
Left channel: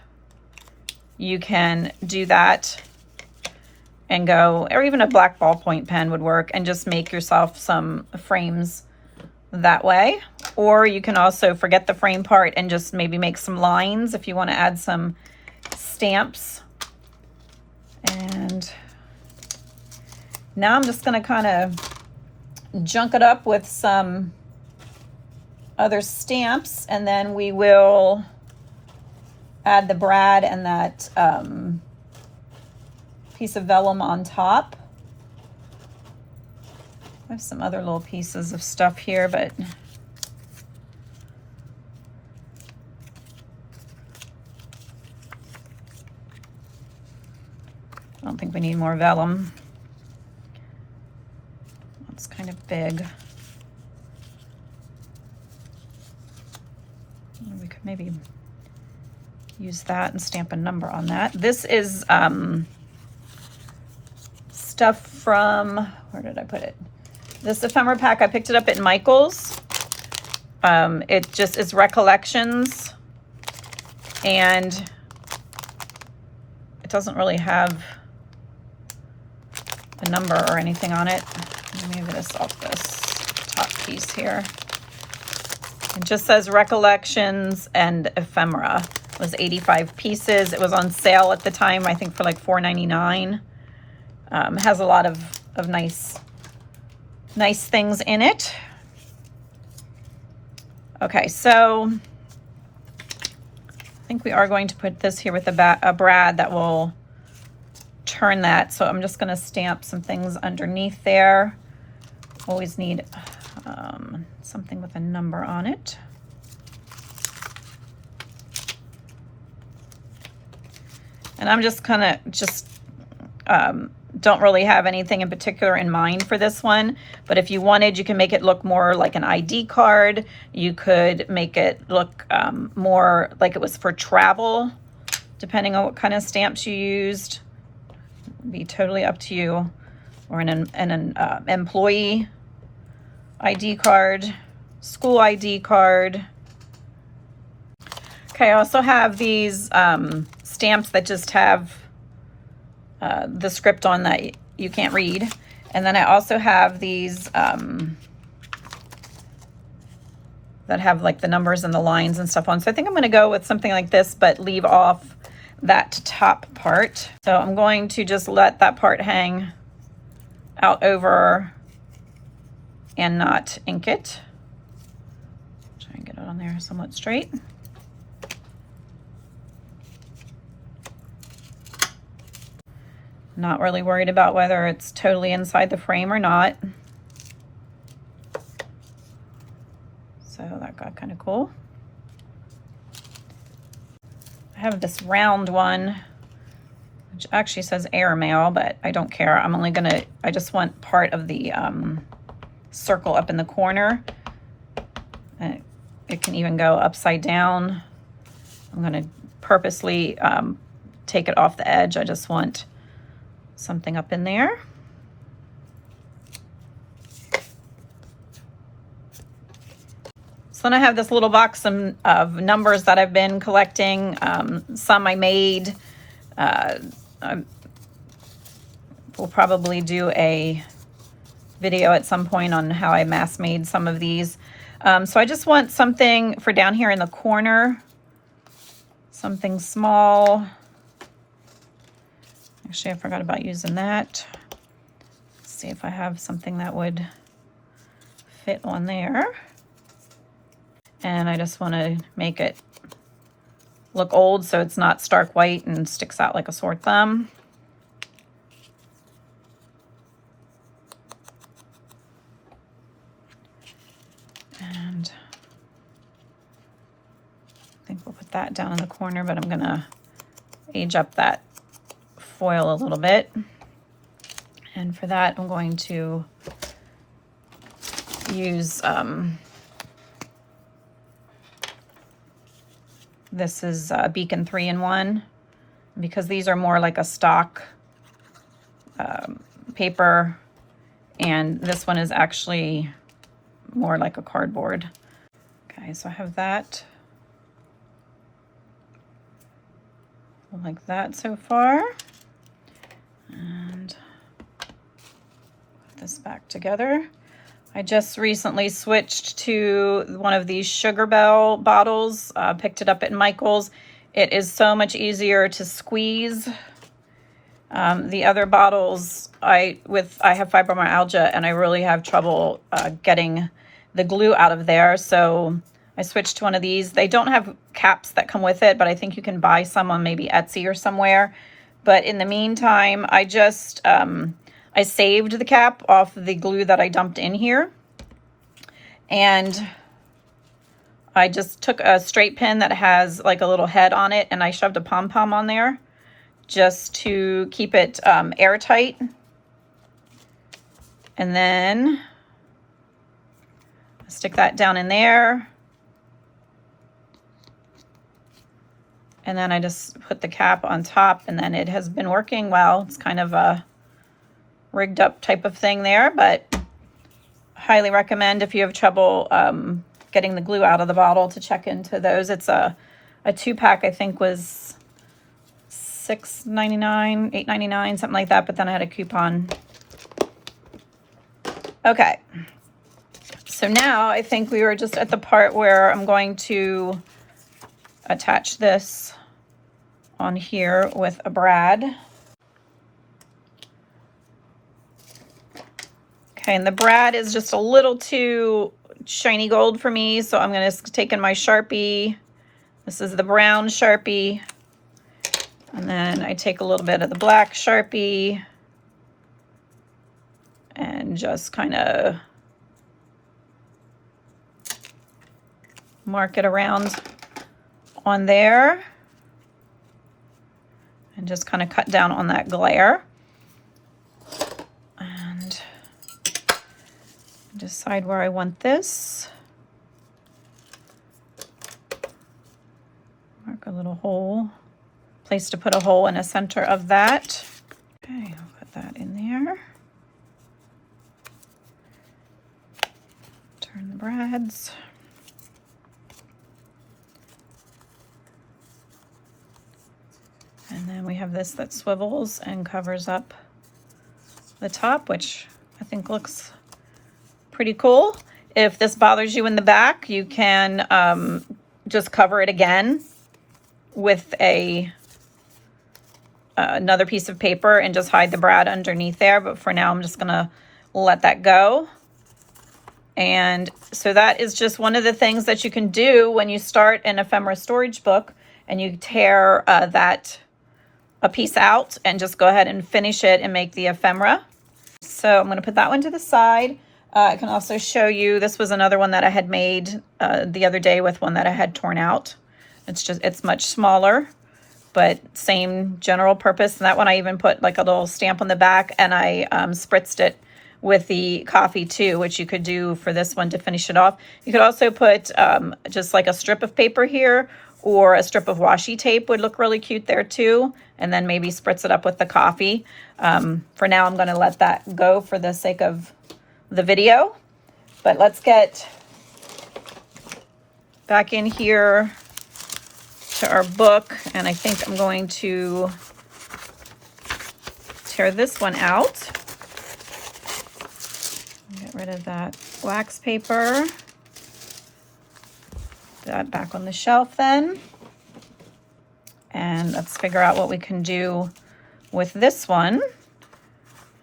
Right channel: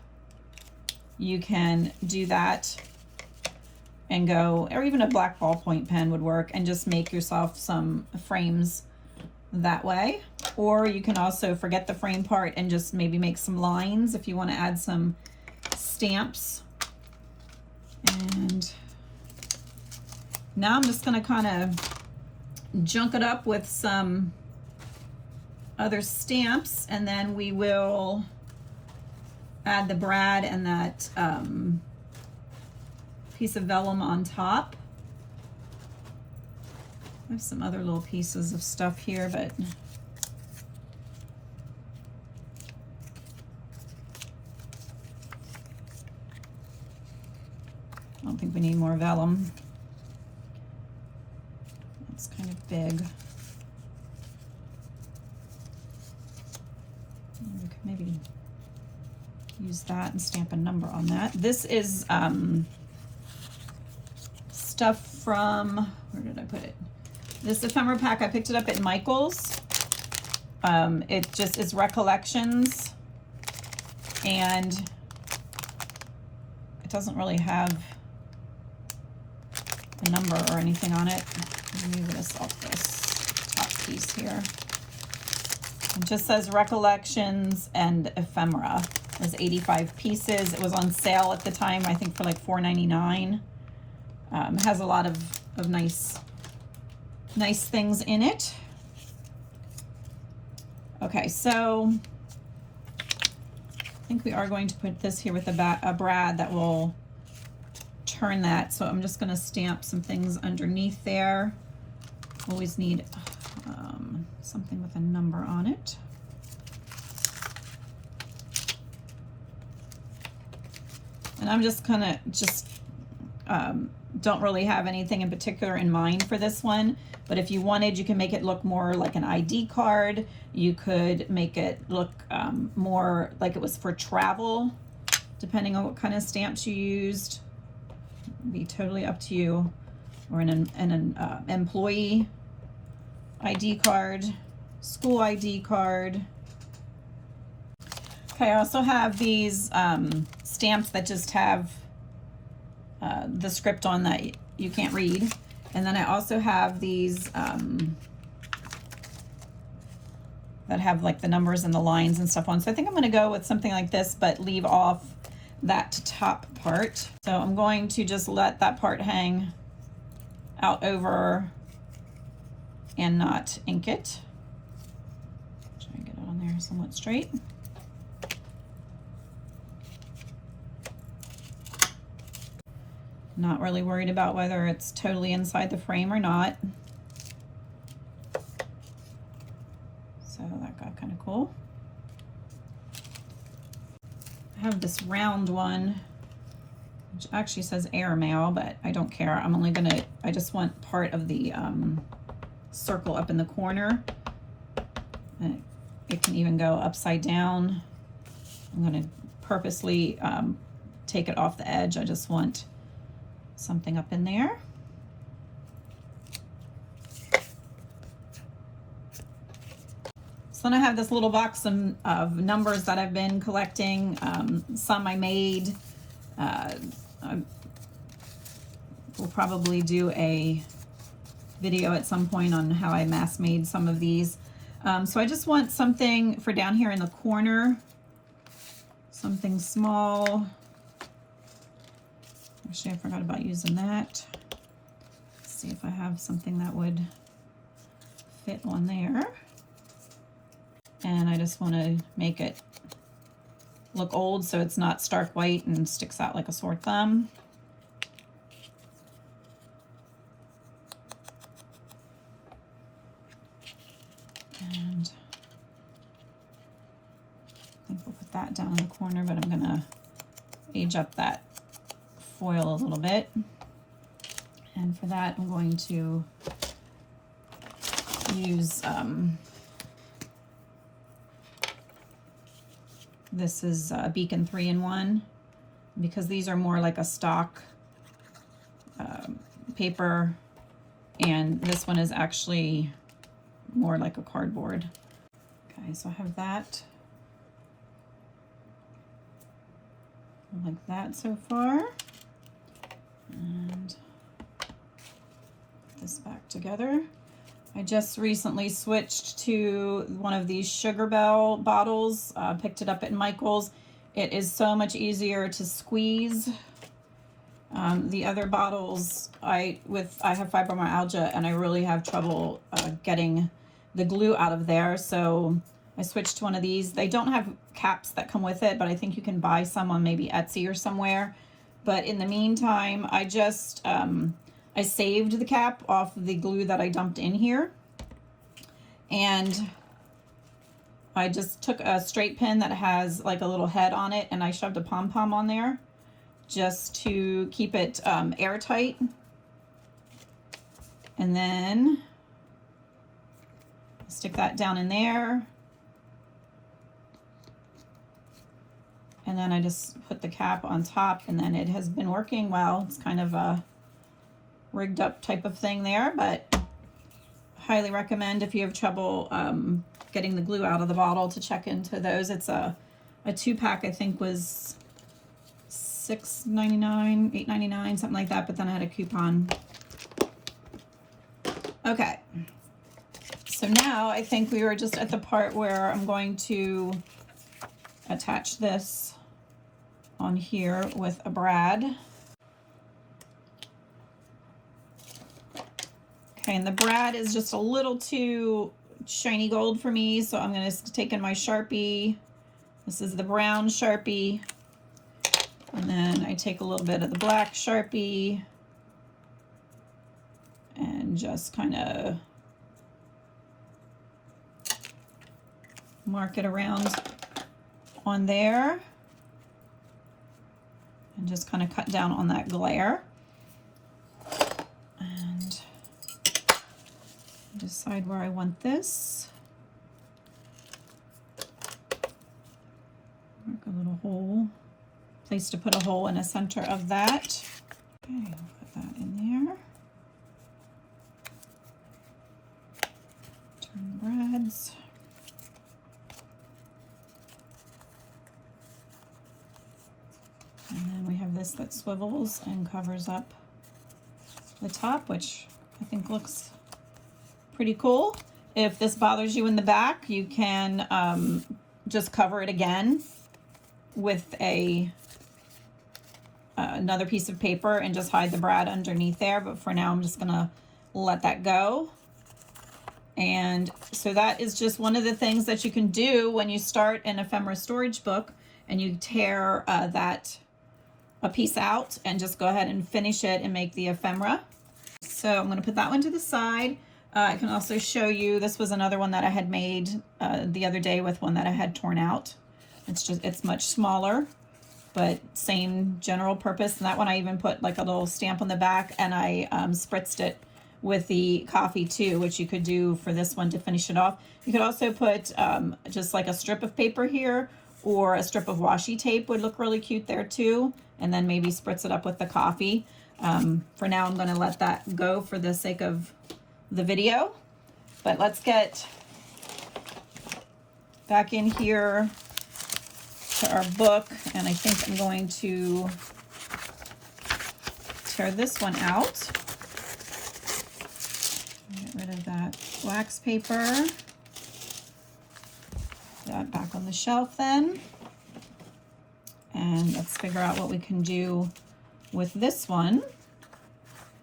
You can do that and go, or even a black ballpoint pen would work, and just make yourself some frames that way. Or you can also forget the frame part and just maybe make some lines if you want to add some stamps. And now I'm just going to kind of junk it up with some other stamps, and then we will add the brad and that piece of vellum on top. I have some other little pieces of stuff here, but I don't think we need more vellum. It's kind of big. We could maybe use that and stamp a number on that. This is stuff from, where did I put it? This ephemera pack, I picked it up at Michael's. It's recollections, and it doesn't really have a number or anything on it. Let me move this off this top piece here. It just says recollections and ephemera. It was 85 pieces. It was on sale at the time, I think for like $4.99. Has a lot of nice things in it. Okay, so I think we are going to put this here with a brad that will turn that. So I'm just going to stamp some things underneath there. Always need something with a number on it. And I'm just kind of don't really have anything in particular in mind for this one, but if you wanted, you can make it look more like an ID card. You could make it look more like it was for travel, depending on what kind of stamps you used. It'd be totally up to you. Or an employee ID card, school ID card. Okay, I also have these stamps that just have the script on that you can't read. And then I also have these that have like the numbers and the lines and stuff on. So I think I'm going to go with something like this, but leave off that top part. So I'm going to just let that part hang out over and not ink it. Try and get it on there somewhat straight. Not really worried about whether it's totally inside the frame or not. So that got kind of cool. I have this round one, which actually says airmail, but I don't care. I just want part of the circle up in the corner. It can even go upside down. I'm gonna purposely take it off the edge. I just want something up in there. So then I have this little box of numbers that I've been collecting. Some I made. We'll probably do a video at some point on how I mass made some of these. So I just want something for down here in the corner, something small. Actually, I forgot about using that. Let's see if I have something that would fit on there. And I just want to make it look old so it's not stark white and sticks out like a sore thumb. And I think we'll put that down in the corner, but I'm gonna age up that foil a little bit. And for that, I'm going to use, this is Beacon 3-in-1, because these are more like a stock paper, and this one is actually more like a cardboard. Okay, so I have that. Like that so far. And put this back together. I just recently switched to one of these Sugar Bell bottles, picked it up at Michael's. It is so much easier to squeeze. The other bottles, I have fibromyalgia and I really have trouble getting the glue out of there. So I switched to one of these. They don't have caps that come with it, but I think you can buy some on maybe Etsy or somewhere. But in the meantime, I just, I saved the cap off the glue that I dumped in here. And I just took a straight pin that has like a little head on it, and I shoved a pom-pom on there just to keep it airtight. And then stick that down in there. And then I just put the cap on top, and then it has been working well. It's kind of a rigged up type of thing there, but highly recommend if you have trouble getting the glue out of the bottle to check into those. It's a 2-pack, I think was $6.99, $8.99, something like that, but then I had a coupon. Okay. So now I think we were just at the part where I'm going to attach this on here with a brad. Okay, and the brad is just a little too shiny gold for me, so I'm going to take in my Sharpie. This is the brown Sharpie. And then I take a little bit of the black Sharpie and just kind of mark it around on there and just kind of cut down on that glare and decide where I want this. Mark a little hole, place to put a hole in the center of that. Okay, I'll put that in there. Turn the brads. And then we have this that swivels and covers up the top, which I think looks pretty cool. If this bothers you in the back, you can just cover it again with another piece of paper and just hide the brad underneath there. But for now, I'm just gonna let that go. And so that is just one of the things that you can do when you start an ephemera storage book and you tear that a piece out and just go ahead and finish it and make the ephemera. So I'm going to put that one to the side. I can also show you, this was another one that I had made the other day with one that I had torn out. It's much smaller, but same general purpose. And that one I even put like a little stamp on the back, and I spritzed it with the coffee too, which you could do for this one to finish it off. You could also put just like a strip of paper here, or a strip of washi tape would look really cute there too. And then maybe spritz it up with the coffee. For now, I'm going to let that go for the sake of the video. But let's get back in here to our book. And I think I'm going to tear this one out. Get rid of that wax paper. Put that back on the shelf then. And let's figure out what we can do with this one.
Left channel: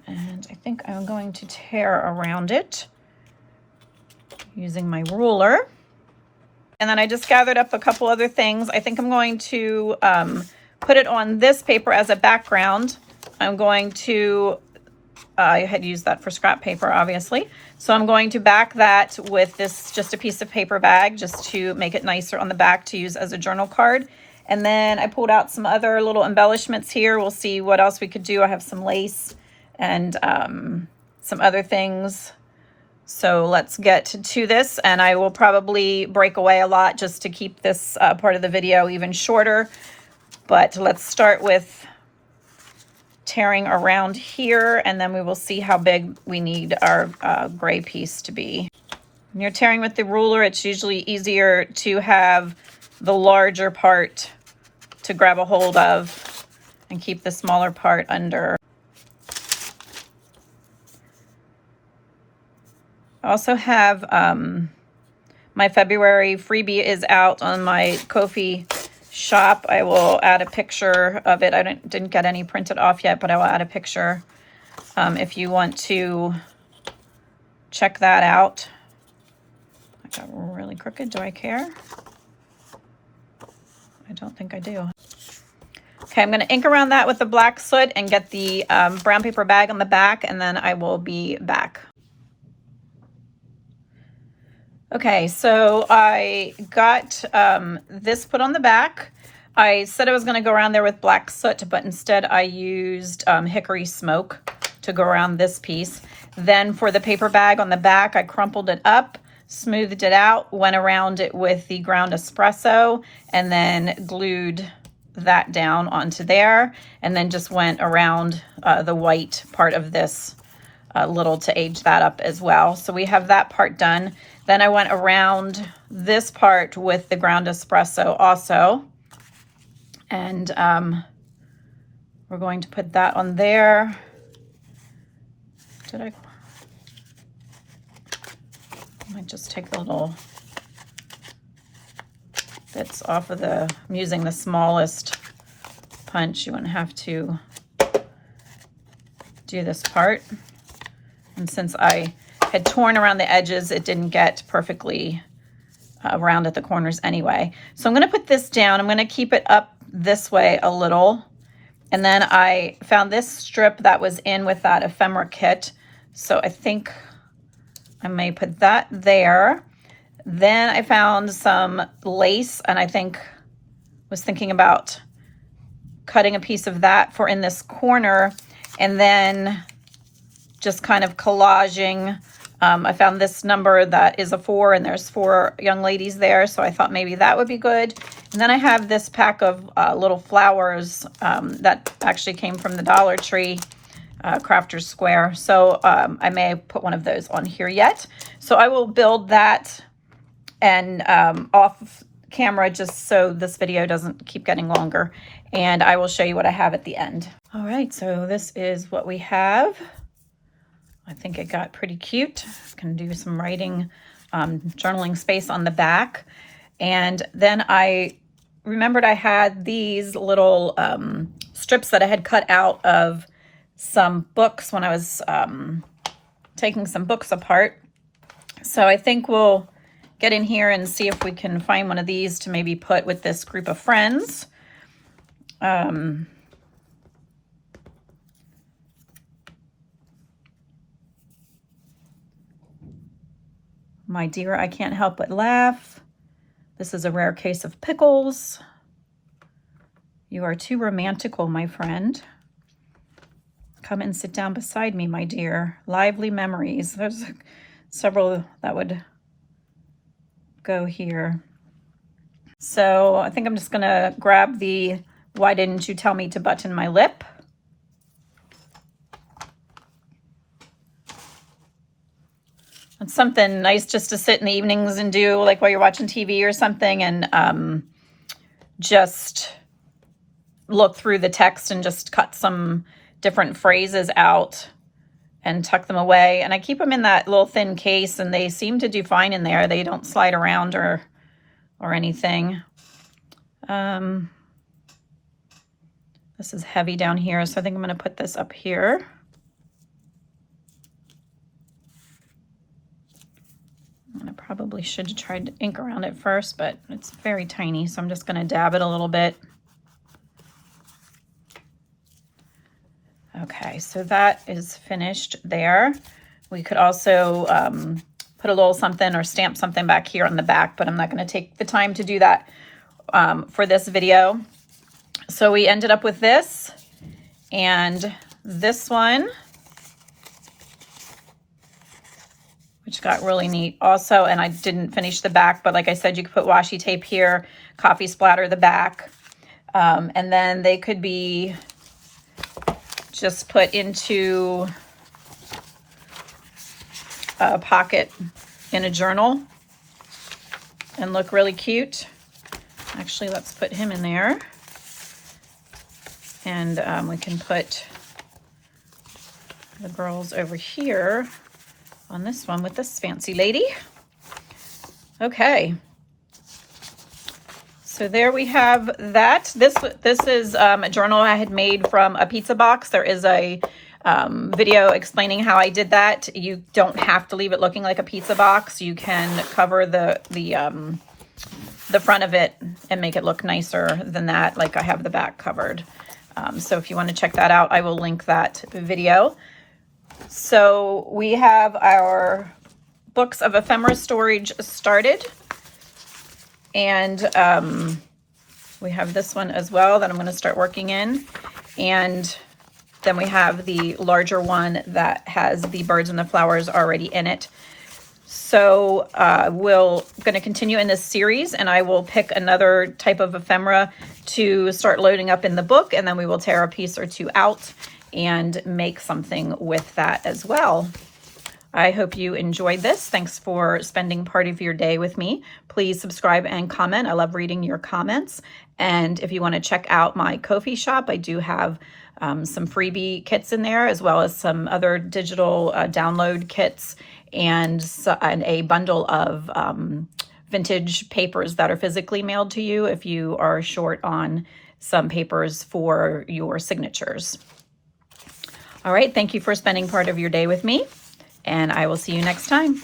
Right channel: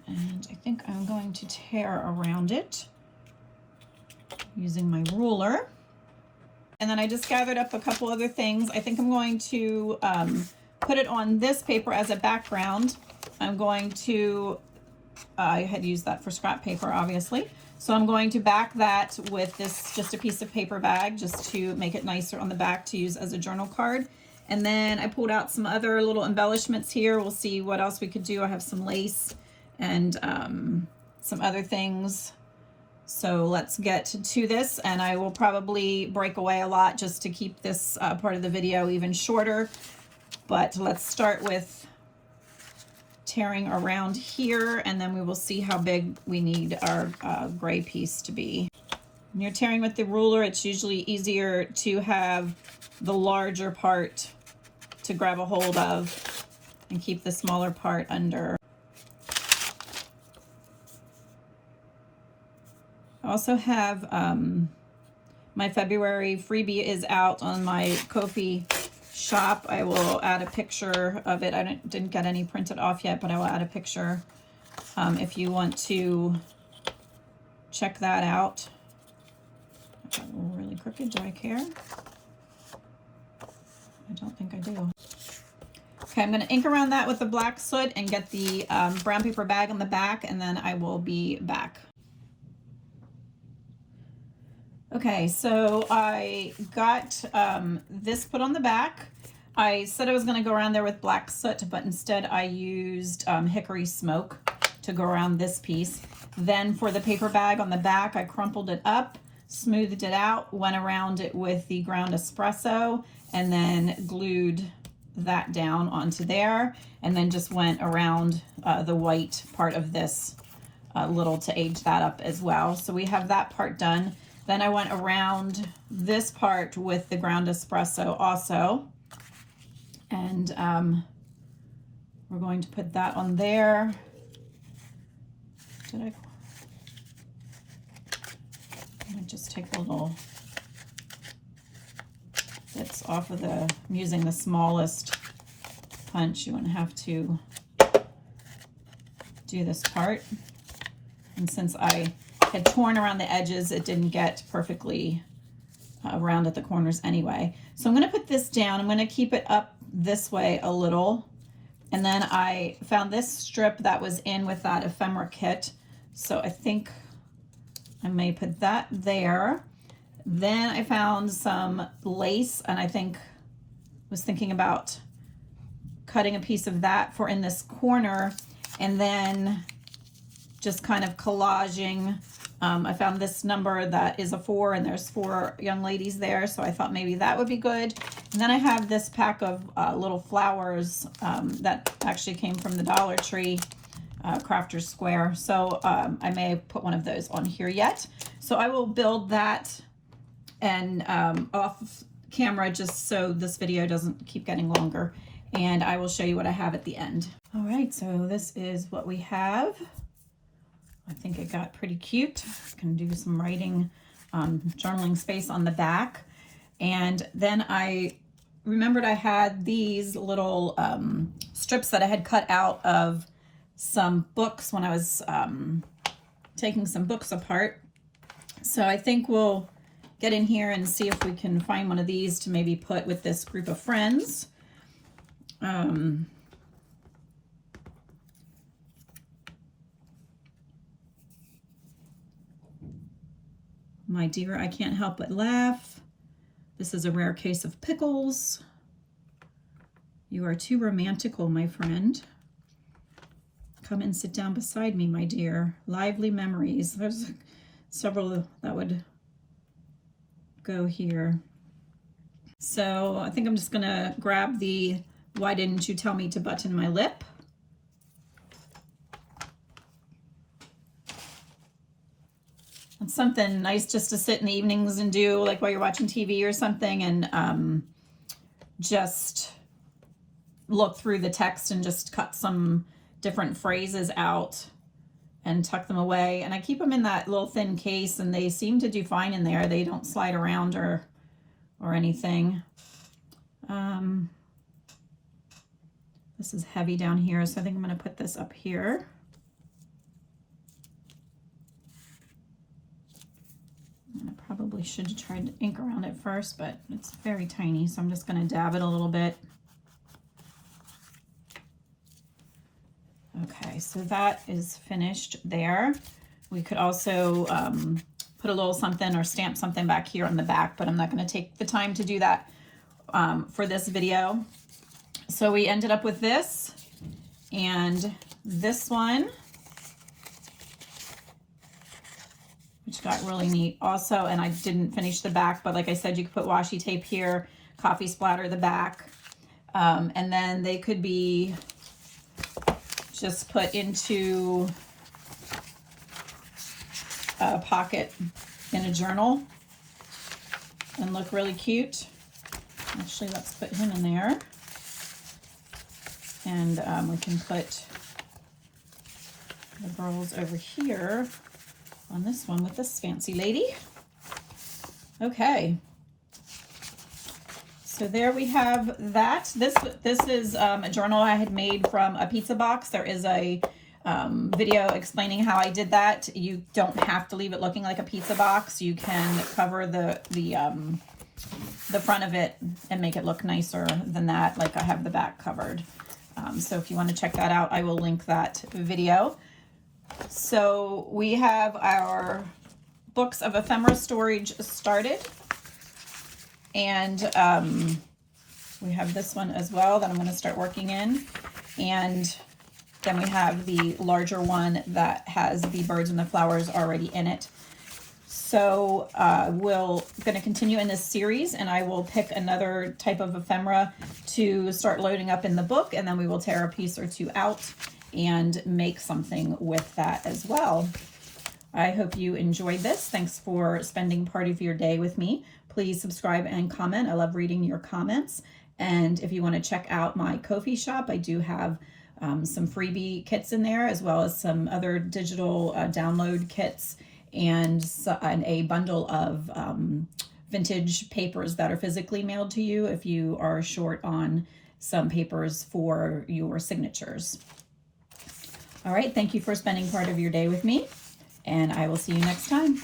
And I think I'm going to tear around it using my ruler. And then I just gathered up a couple other things. I think I'm going to put it on this paper as a background. I'm going to, I had used that for scrap paper, obviously. So I'm going to back that with this, just a piece of paper bag, just to make it nicer on the back to use as a journal card. And then I pulled out some other little embellishments here. We'll see what else we could do. I have some lace and some other things. So let's get to this, and I will probably break away a lot just to keep this part of the video even shorter. But let's start with tearing around here, and then we will see how big we need our gray piece to be. When you're tearing with the ruler, it's usually easier to have the larger part to grab a hold of and keep the smaller part under. I also have my February freebie is out on my Ko-fi shop. I will add a picture of it. I didn't get any printed off yet, but I will add a picture if you want to check that out. I got really crooked. Do I care? I don't think I do. Okay, I'm going to ink around that with the black soot and get the brown paper bag on the back, and then I will be back. Okay, so I got this put on the back. I said I was going to go around there with black soot, but instead I used hickory smoke to go around this piece. Then for the paper bag on the back, I crumpled it up, smoothed it out, went around it with the ground espresso, and then glued that down onto there, and then just went around the white part of this little to age that up as well. So we have that part done. Then I went around this part with the ground espresso also, and we're going to put that on there. I might just take the little bits off of I'm using the smallest punch. You wouldn't have to do this part. And since I had torn around the edges, it didn't get perfectly round at the corners anyway. So I'm going to put this down. I'm going to keep it up this way a little. And then I found this strip that was in with that ephemera kit. So I think I may put that there. Then I found some lace, and I was thinking about cutting a piece of that for in this corner, and then just kind of collaging. I found this number that is a 4, and there's 4 young ladies there, so I thought maybe that would be good. And then I have this pack of little flowers that actually came from the Dollar Tree, Crafter's Square. So I may put one of those on here yet. So I will build that and off camera, just so this video doesn't keep getting longer. And I will show you what I have at the end. All right, so this is what we have. I think it got pretty cute. I can do some writing, journaling space on the back. And then I remembered I had these little strips that I had cut out of some books when I was taking some books apart. So I think we'll get in here and see if we can find one of these to maybe put with this group of friends. My dear, I can't help but laugh. This is a rare case of pickles. You are too romantical, my friend. Come and sit down beside me, my dear. Lively memories. There's several that would go here. So I think I'm just gonna grab the "Why didn't you tell me to button my lip?" It's something nice just to sit in the evenings and do, like while you're watching TV or something, and just look through the text and just cut some different phrases out and tuck them away. And I keep them in that little thin case, and they seem to do fine in there. They don't slide around or anything. This is heavy down here, so I think I'm going to put this up here. I probably should have tried to ink around it first, but it's very tiny, so I'm just going to dab it a little bit. Okay, so that is finished there. We could also put a little something or stamp something back here on the back, but I'm not going to take the time to do that for this video. So we ended up with this and this one, which got really neat also. And I didn't finish the back, but like I said, you could put washi tape here, coffee splatter the back, and then they could be just put into a pocket in a journal and look really cute. Actually, let's put him in there. And we can put the girls over here on this one with this fancy lady. Okay. So there we have that. This is a journal I had made from a pizza box. There is a video explaining how I did that. You don't have to leave it looking like a pizza box. You can cover the front of it and make it look nicer than that, like I have the back covered. So if you want to check that out, I will link that video. So we have our books of ephemera storage started. And we have this one as well that I'm going to start working in. And then we have the larger one that has the birds and the flowers already in it. So we're going to continue in this series, and I will pick another type of ephemera to start loading up in the book, and then we will tear a piece or two out and make something with that as well. I hope you enjoyed this. Thanks for spending part of your day with me. Please subscribe and comment. I love reading your comments. And if you want to check out my Ko-fi shop, I do have some freebie kits in there, as well as some other digital download kits and a bundle of vintage papers that are physically mailed to you if you are short on some papers for your signatures. All right, thank you for spending part of your day with me, and I will see you next time.